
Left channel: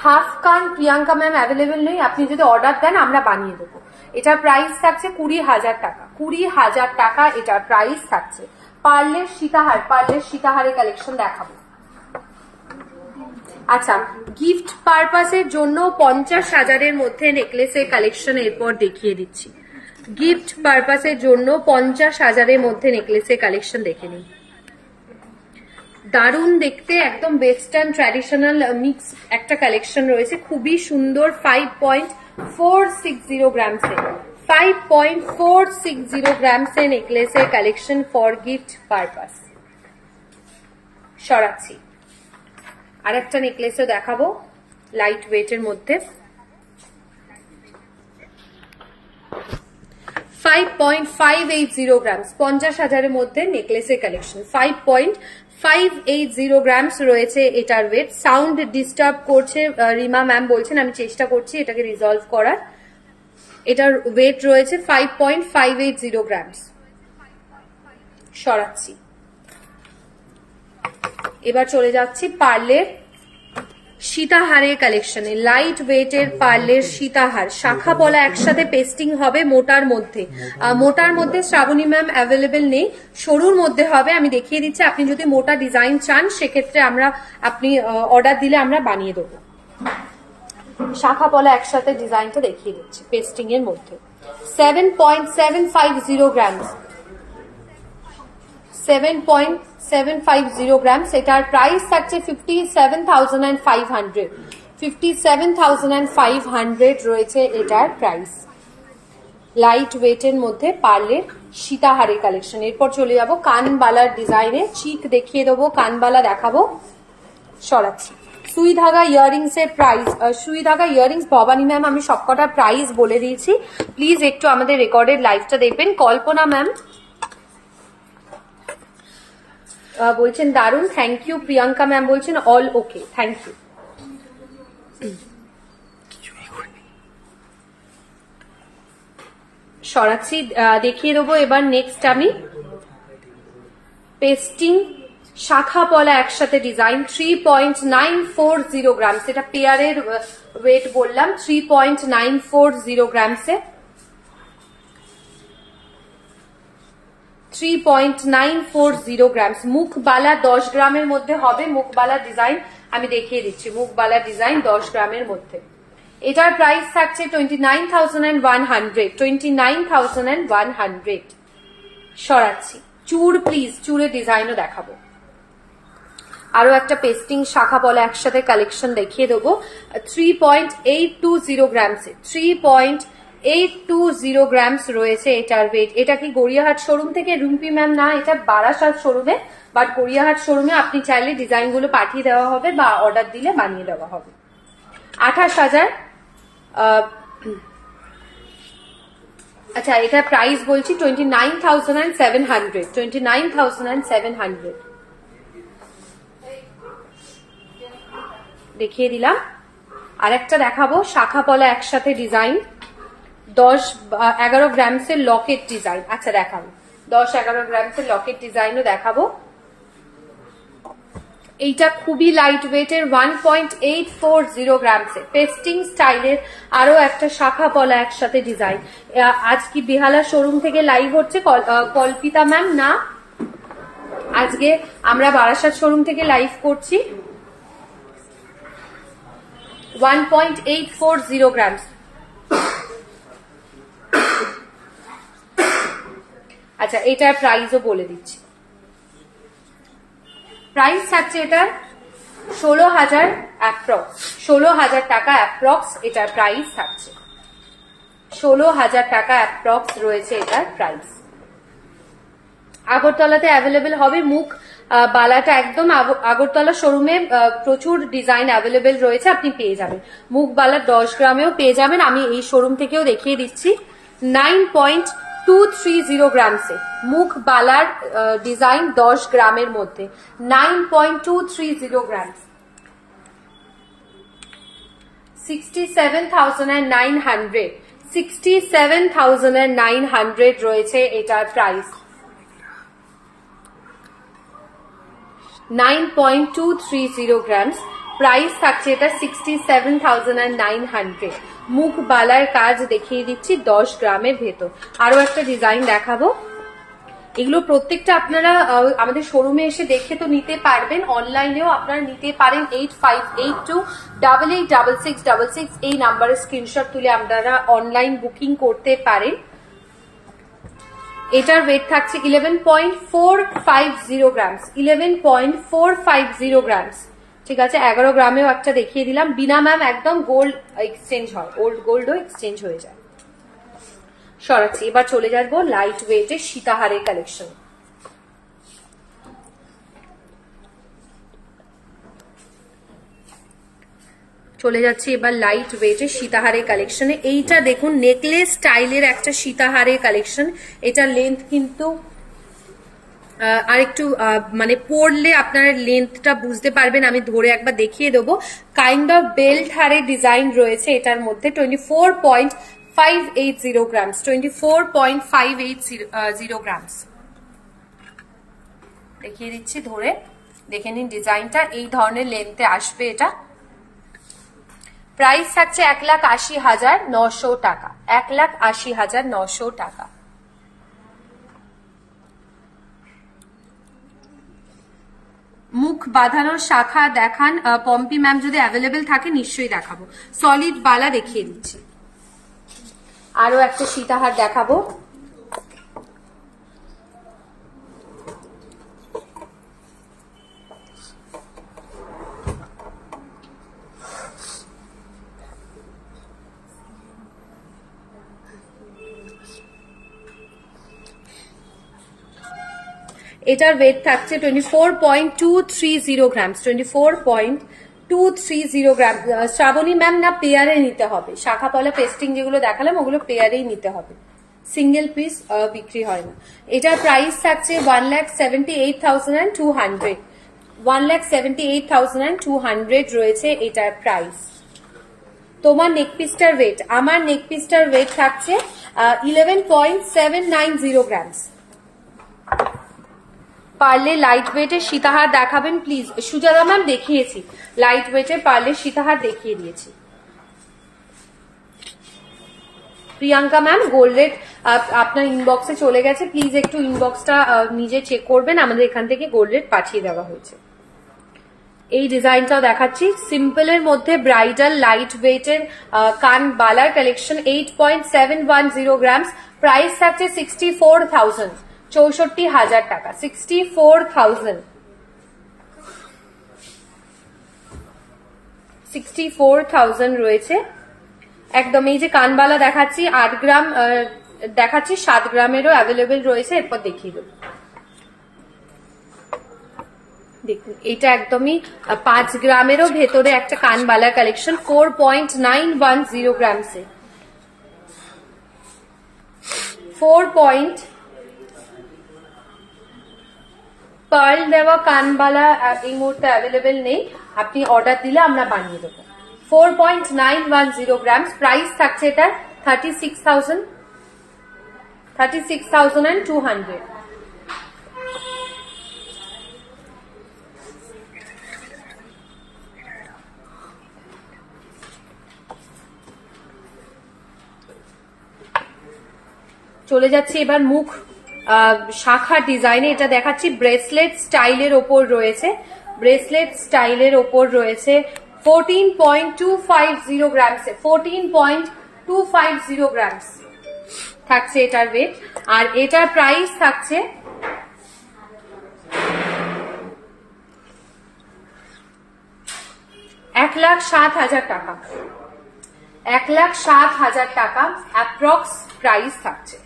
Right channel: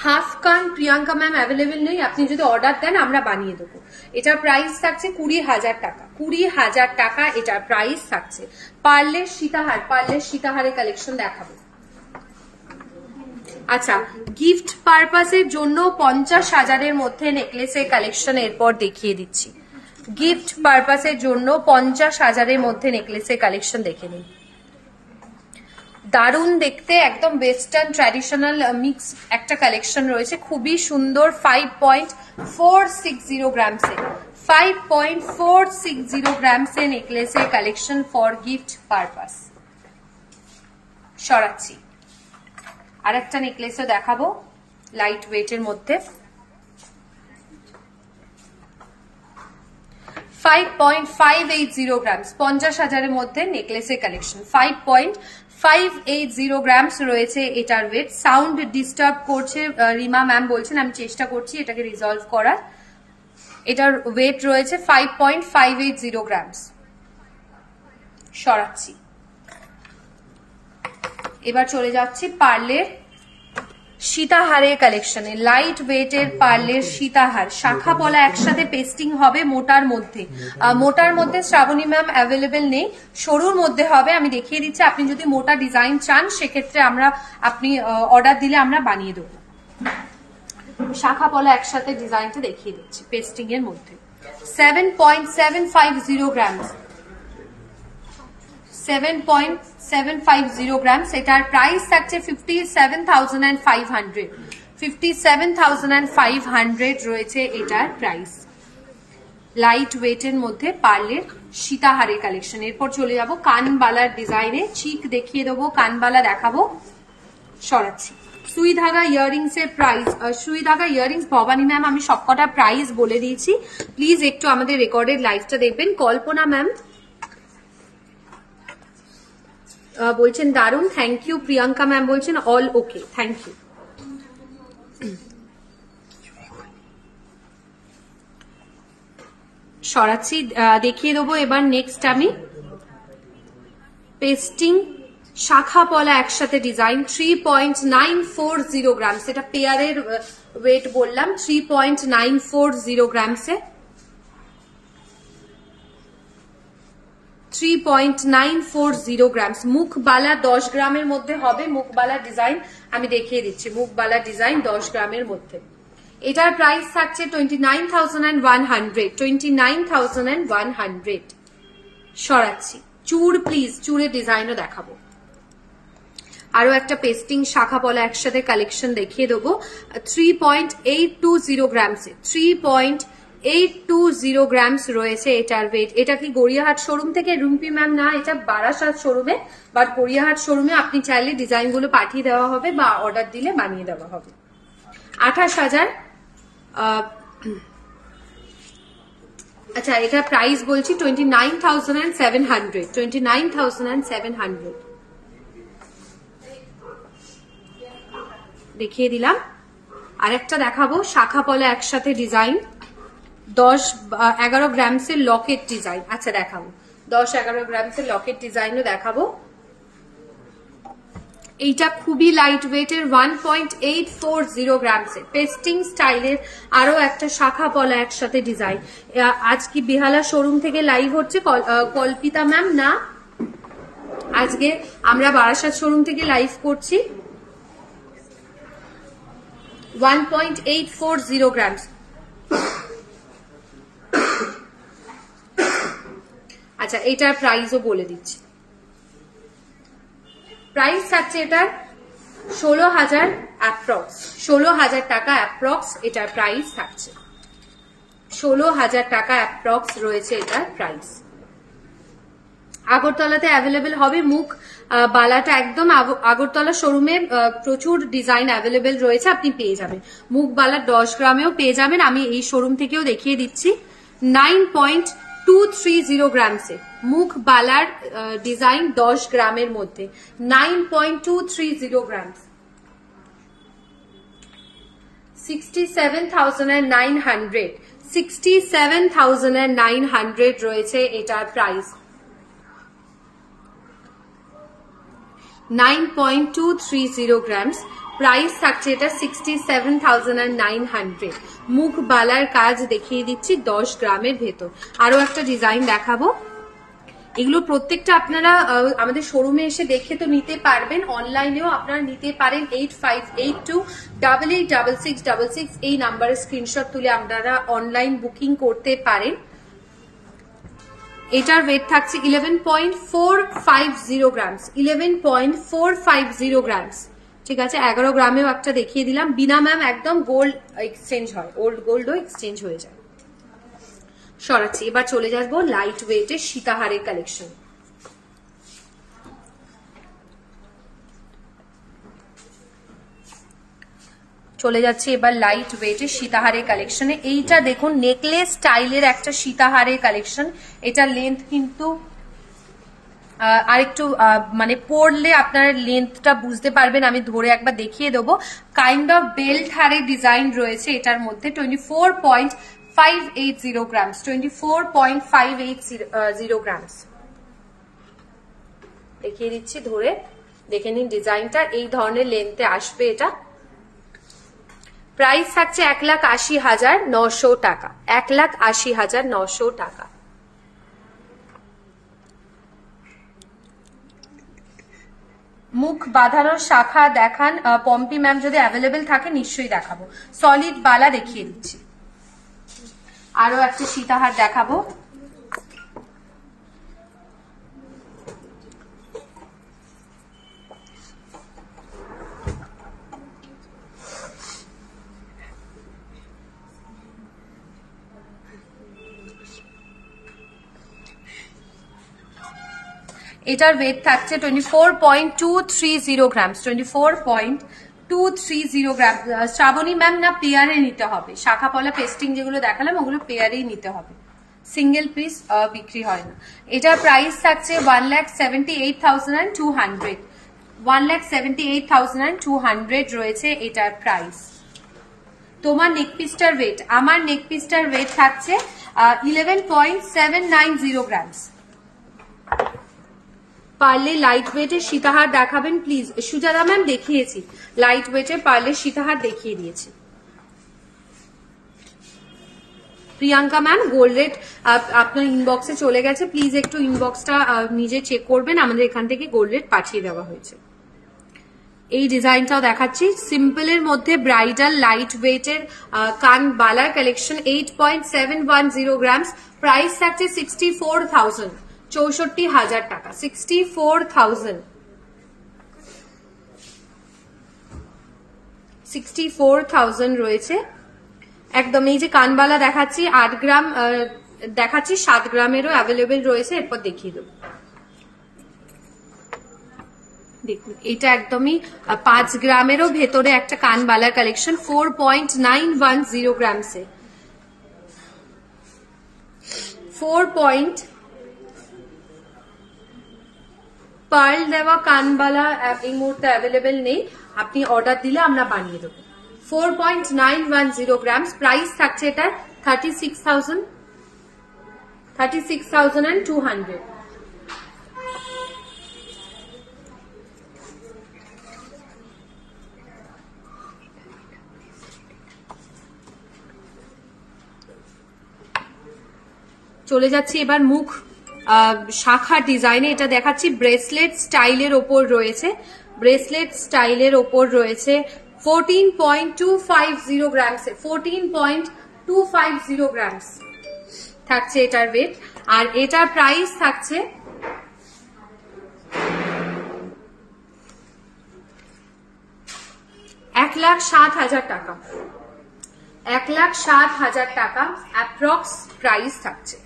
হাফ কান প্রিয়াঙ্কা ম্যাম অ্যাভেলেবেল নেই, আপনি যদি অর্ডার দেন আমরা বানিয়ে দেবো। এটার প্রাইস থাকছে 20,000 টাকা, 20,000 টাকা এটার প্রাইস থাকছে। পার্লের সীতাহার, পার্লের সীতাহারের কালেকশন দেখাবো। আচ্ছা গিফট পারপাসের জন্য 50,000-এর মধ্যে নেকলেসের কালেকশন এরপর দেখিয়ে দিচ্ছি। গিফট পারপাসের জন্য 50,000-এর মধ্যে নেকলেসের কালেকশন দেখে নিন। দারুণ দেখতে, একদম ওয়েস্টার্ন ট্র্যাডিশনাল মিক্স একটা কালেকশন রয়েছে, খুবই সুন্দর। 5.460 গ্রামসে, 5.460 গ্রামসে নেকলেসের কালেকশন ফর গিফট পারপাস। সরাচ্ছি, আরেকটা নেকলেসও দেখাবো লাইট ওয়েটের মধ্যে। 5.580 গ্রামস, 50,000-এর মধ্যে নেকলেসের কালেকশন। 5.580 গ্রামস রয়েছে এটার ওয়েট। সাউন্ড ডিস্টার্ব করছে রিমা ম্যাম বলছেন, আমি চেষ্টা করছি এটাকে রিজলভ করার। এটার ওয়েট রয়েছে 5.580 গ্রামস। সরাচ্ছি, এবার চলে যাচ্ছি পার্লের সীতাহারের কালেকশনে লাইট ওয়েটের পার্লের সীতাহার, শাখা পলা একসাথে পেস্টিং হবে মোটার মধ্যে। মোটার মধ্যে শ্রাবণী ম্যাম অ্যাভেলেবেল নেই, সরুর মধ্যে হবে। আমি দেখিয়ে দিচ্ছি, আপনি যদি মোটা ডিজাইন চান সেক্ষেত্রে আপনি অর্ডার দিলে আমরা বানিয়ে দেবো। শাখা পলা একসাথে ডিজাইনটা দেখিয়ে দিচ্ছি পেস্টিং এর মধ্যে। 7.750 গ্রাম, 7.750 গ্রাম। এটার প্রাইস থাকছে 57,500, 57,500 রয়েছে এটার প্রাইস। লাইট ওয়েটের মধ্যে পার্লের সীতাহারের কালেকশন। এরপর চলে যাব কানবালার ডিজাইনে, চিক দেখিয়ে দেবো, কানবালা দেখাবো। সরাচ্ছি সুই ধাগা ইয়ারিংস এর প্রাইস। সুই ধাগা ইয়ারিংস ভবানী ম্যাম আমি সবকটা প্রাইস বলে দিয়েছি, প্লিজ একটু আমাদের রেকর্ডেড লাইভটা দেখবেন। কল্পনা ম্যাম বলছেন দারুন, থ্যাংক ইউ। প্রিয়াঙ্কা ম্যাম বলছেন অল ওকে, থ্যাংক ইউ। সরাচ্ছি, দেখিয়ে দেবো এবার নেক্সট আমি পেস্টিং শাখা পলা একসাথে ডিজাইন 3.940 গ্রাম। এটা পেয়ারের ওয়েট বললাম, 3.940 গ্রামসে, 3.940 গ্রামস। মুখবালা 10 গ্রামের মধ্যে হবে। মুখবালা ডিজাইন আমি দেখিয়ে দিচ্ছি, মুখবালা ডিজাইন 10 গ্রামের মধ্যে। এটার প্রাইস থাকছে 29,100, 29,100। সরাচ্ছি চুড়, প্লিজ চুড়ের ডিজাইনও দেখাবো। আরো একটা পেস্টিং শাখা পলা একসাথে কালেকশন দেখিয়ে দেবো 3.820 গ্রামসে, 3.820 গ্রামস রয়েছে এটার ওয়েট। এটা কি গড়িয়াহাট শোরুম থেকে? রুম্পি ম্যাম না, এটা বারাসাত শোরুমে, বাট গড়িয়াহাট শোরুমে আপনি চাইলে ডিজাইনগুলো পাঠিয়ে দেওয়া হবে বা অর্ডার দিলে বানিয়ে দেওয়া হবে। 28,000। আচ্ছা, এটা প্রাইস বলছি 29,700, 29,700 দেখিয়ে দিলাম। আরেকটা দেখাবো শাখা পলা একসাথে ডিজাইন 10-11 গ্রামসের লকেট ডিজাইন। আচ্ছা দেখাবো 10-11 গ্রামসের লকেট ডিজাইনও দেখাবো। এইটা খুবই লাইট ওয়েটের 1.840 গ্রামসের পেস্টিং স্টাইলের আরো একটা শাখা পলা একসাথে ডিজাইন। আজ কি বেহালা শোরুম থেকে লাইভ হচ্ছে? কল্পিতা ম্যাম না, আজকে আমরা বারাসাত শোরুম থেকে লাইভ করছি। 1.840 গ্রামস। আচ্ছা, এটার প্রাইসও বলে দিচ্ছি। প্রাইস থাকছে এটার 16,000 অ্যাপ্রক্স, 16,000 টাকা অ্যাপ্রক্স এটার প্রাইস থাকছে। 16,000 টাকা অ্যাপ্রক্স রয়েছে এটার প্রাইস। আগরতলাতে অ্যাভেলেবেল হবে। মুখ বালাটা একদম আগরতলা শোরুমে প্রচুর ডিজাইন অ্যাভেলেবেল রয়েছে, আপনি পেয়ে যাবেন। মুখ বালা 10 গ্রামেও পেয়ে যাবেন, আমি এই শোরুম থেকেও দেখিয়ে দিচ্ছি। 9.230 গ্রামসে মুখ বালার ডিজাইন 10 গ্রামের মধ্যে, 9.230 গ্রামস। 67,900, 67,900 রয়েছে এটার প্রাইস। 9.230 গ্রামস প্রাইস থাকছে এটা 67,900। মুখ বালার কাজ দেখিয়ে দিচ্ছি 10 গ্রামের ভেতর। আরো একটা ডিজাইন দেখাবো। এগুলো প্রত্যেকটা আপনারা আমাদের শোরুমে এসে দেখে তো নিতে পারবেন, অনলাইনেও আপনারা নিতে পারেন। 8582886666 এই নাম্বারে স্ক্রিনশট তুলে আপনারা অনলাইন বুকিং করতে পারেন। এটার ওয়েট থাকছে 11.450 গ্রামস, 11.450 গ্রামস। ঠিক আছে, 11 গ্রামেও একটা দেখিয়ে দিলাম। বিনা ম্যাম একদম গোল্ড এক্সচেঞ্জ হয়, ওল্ড গোল্ডও এক্সচেঞ্জ হয়ে যায়। সরাচ্ছি, এবার চলে যাবো লাইট ওয়েটের সীতাহারের কালেকশন। চলে যাচ্ছে এবার লাইট ওয়েটের সীতাহারের কালেকশনে। এইটা দেখুন নেকলেস স্টাইলের একটা সীতাহারের কালেকশন। এটা লেন্থ কিন্তু আরেকটু মানে পরলে আপনার লেন্থটা বুঝতে পারবেন, আমি ধরে একবার দেখিয়ে দেবো। কাইন্ড অফ বেল্ট হারের ডিজাইন রয়েছে এটার মধ্যে। 24.580 গ্রামস, 24.580 গ্রামস দেখিয়ে দিচ্ছি ধরে, দেখে নিন ডিজাইনটা। এই ধরনের লেন্থে আসবে এটা। প্রাইস থাকছে 1,80,900 টাকা, 1,80,900 টাকা। মুখ বাঁধানোর শাখা দেখান পম্পি ম্যাম, যদি অ্যাভেলেবেল থাকে নিশ্চয়ই দেখাবো। সলিড বালা দেখিয়ে দিচ্ছি, আরো একটা সীতাহার দেখাবো। এটার ওয়েট থাকছে 24.230 গ্রামস, 24.230 গ্রাম। শ্রাবণী ম্যাম না পেয়ারে নিতে হবে, শাখা পলা পেস্টিং যেগুলো দেখালাম ওগুলো পেয়ারেই নিতে হবে, সিঙ্গেল পিস বিক্রি হয় না। এটার প্রাইস থাকছে 1,78,200, 1,78,200 রয়েছে এটার প্রাইস। তোমার নেক পিসটার ওয়েট, আমার নেক পিসটার ওয়েট থাকছে 11.790 গ্রামস। পারলে লাইট ওয়েটের সীতাহার দেখাবেন প্লিজ। সুজাতা ম্যাম দেখিয়েছি, লাইট ওয়েটের পারলে সীতাহার দেখিয়ে দিয়েছি। প্রিয়াঙ্কা ম্যাম গোল্ড রেট আপনার ইনবক্সে চলে গেছে, প্লিজ একটু ইনবক্সটা নিজে চেক করবেন, আমাদের এখান থেকে গোল্ড রেট পাঠিয়ে দেওয়া হয়েছে। এই ডিজাইনটাও দেখাচ্ছি, সিম্পলের মধ্যে ব্রাইডাল লাইট ওয়েটের কান বালার কালেকশন, 8.710 গ্রামস। প্রাইস থাকছে 64,000, 64,000 টাকা, 64,000, 64,000 রয়েছে একদম। এই যে কানবালা দেখাচ্ছি 8 গ্রাম দেখাচ্ছি, 7 গ্রামেরও অ্যাভেলেবেল রয়েছে, এরপর দেখিয়ে দেবো। দেখুন এটা একদমই 5 গ্রামেরও ভেতরে একটা কানবালার কালেকশন, 4.910 গ্রামসে, 4 পার্ল দেওয়া কানবালা এই মুহূর্তে অ্যাভেলেবেল নেই, আপনি অর্ডার দিলে আমরা বানিয়ে দেবো। 4.910 গ্রামস। প্রাইস থাকছে এটা 36,200। চলে যাচ্ছি এবার মুখ শাখা ডিজাইনে, এটা দেখাচ্ছি ব্রেসলেট স্টাইলের ওপর রয়েছে, ব্রেসলেট স্টাইলের ওপর রয়েছে 14.250 গ্রামস, 14.250 গ্রামস থাকছে এটার ওয়েট। আর এটার প্রাইস থাকছে 1,07,000 টাকা, 1,07,000 টাকা অ্যাপ্রক্স প্রাইস থাকছে,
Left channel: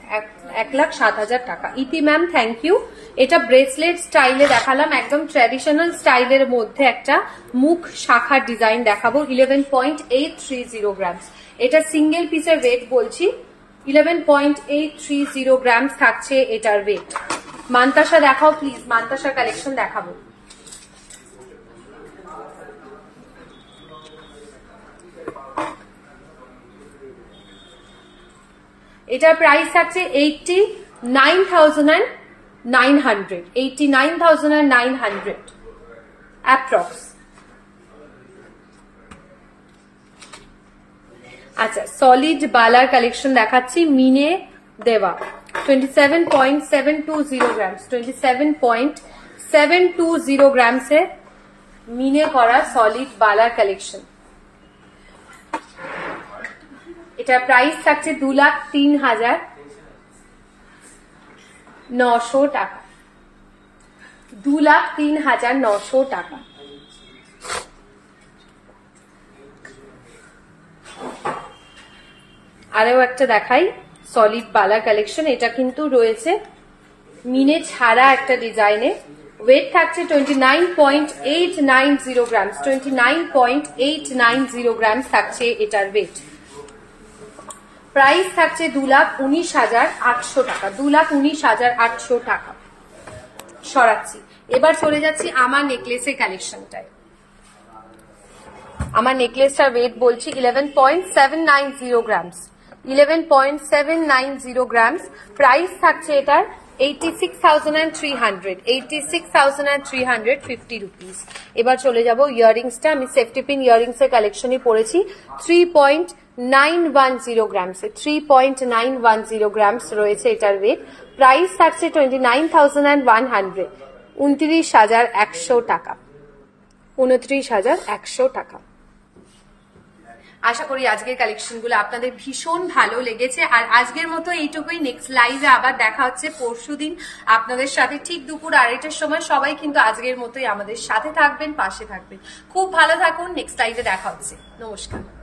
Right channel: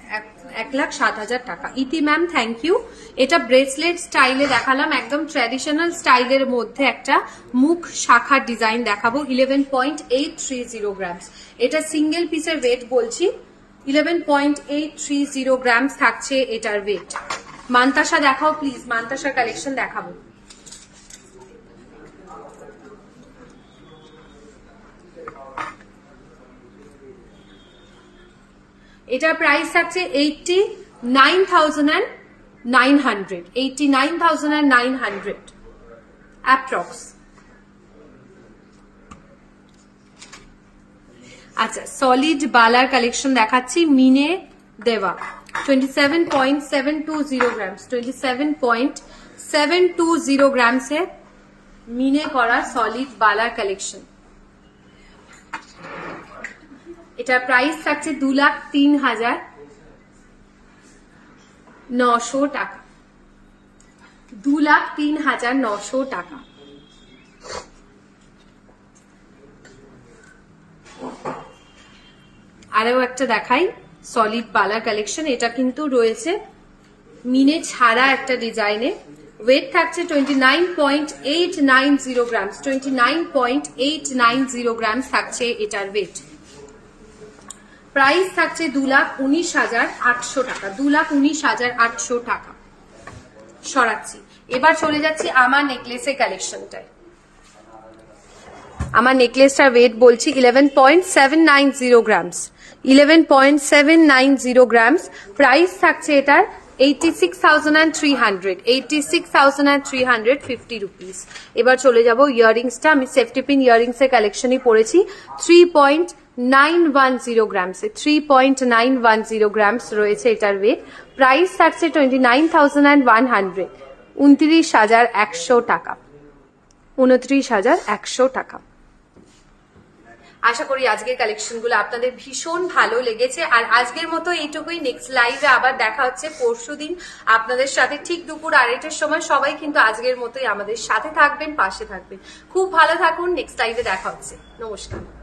1,07,000 টাকা। ইতি ম্যাম থ্যাংক ইউ। এটা ব্রেসলেট স্টাইলে দেখালাম, একদম ট্র্যাডিশনাল স্টাইলের মধ্যে একটা মুখ শাখার ডিজাইন দেখাবো, 11.830 গ্রামস। এটা সিঙ্গেল পিসের ওয়েট বলছি, 11.830 গ্রামস থাকছে এটার ওয়েট। মান্তাসা দেখাও প্লিজ, মান্তাসার কালেকশন দেখাবো। এটার প্রাইস থাকছে 89,900, 89,900 অ্যাপ্রক্স। আচ্ছা সলিড বালার কালেকশন দেখাচ্ছি, মিনে দেওয়া 27.720 গ্রামস, 27.720 গ্রামসের মিনে করা সলিড বালার কালেকশন। এটার প্রাইস থাকছে 2,03,900 টাকা, 2,03,900 টাকা। আরও একটা দেখাই সলিড বালার কালেকশন, এটা কিন্তু রয়েছে মিনে ছাড়া একটা ডিজাইনে, ওয়েট থাকছে 29.890 গ্রামস, 29.890 গ্রামস থাকছে এটার ওয়েট। প্রাইস থাকছে 2,19,800 টাকা, 2,19,800 টাকা। সরাচ্ছি, এবার চলে যাচ্ছি আমার নেকলেসের কালেকশনটায়। আমার নেকলেসটার ওয়েট বলছি 11.790 গ্রামস, 11.790 গ্রামস। প্রাইস থাকছে এটার 86,300 86,350 রুপিস। এবার চলে যাব ইয়াররিংসটা। আমি সেফটি পিন ইয়াররিংস এর কালেকশনই পরেছি 3.910 গ্রামসে, 3.910 গ্রামস রয়েছে এটার ওয়েট। প্রাইস থাকছে 29,100, 29,100 টাকা, 29,100 টাকা। আশা করি আজকের কালেকশনগুলো আপনাদের ভীষণ ভালো লেগেছে। আর আজকের মতো এইটুকুই। নেক্সট লাইভে আবার দেখা হচ্ছে পরশুদিন আপনাদের সাথে ঠিক দুপুর 2:30টার সময়। সবাই কিন্তু আজকের মতোই আমাদের সাথে থাকবেন, পাশে থাকবেন। খুব ভালো থাকুন। নেক্সট লাইভে দেখা হচ্ছে। নমস্কার।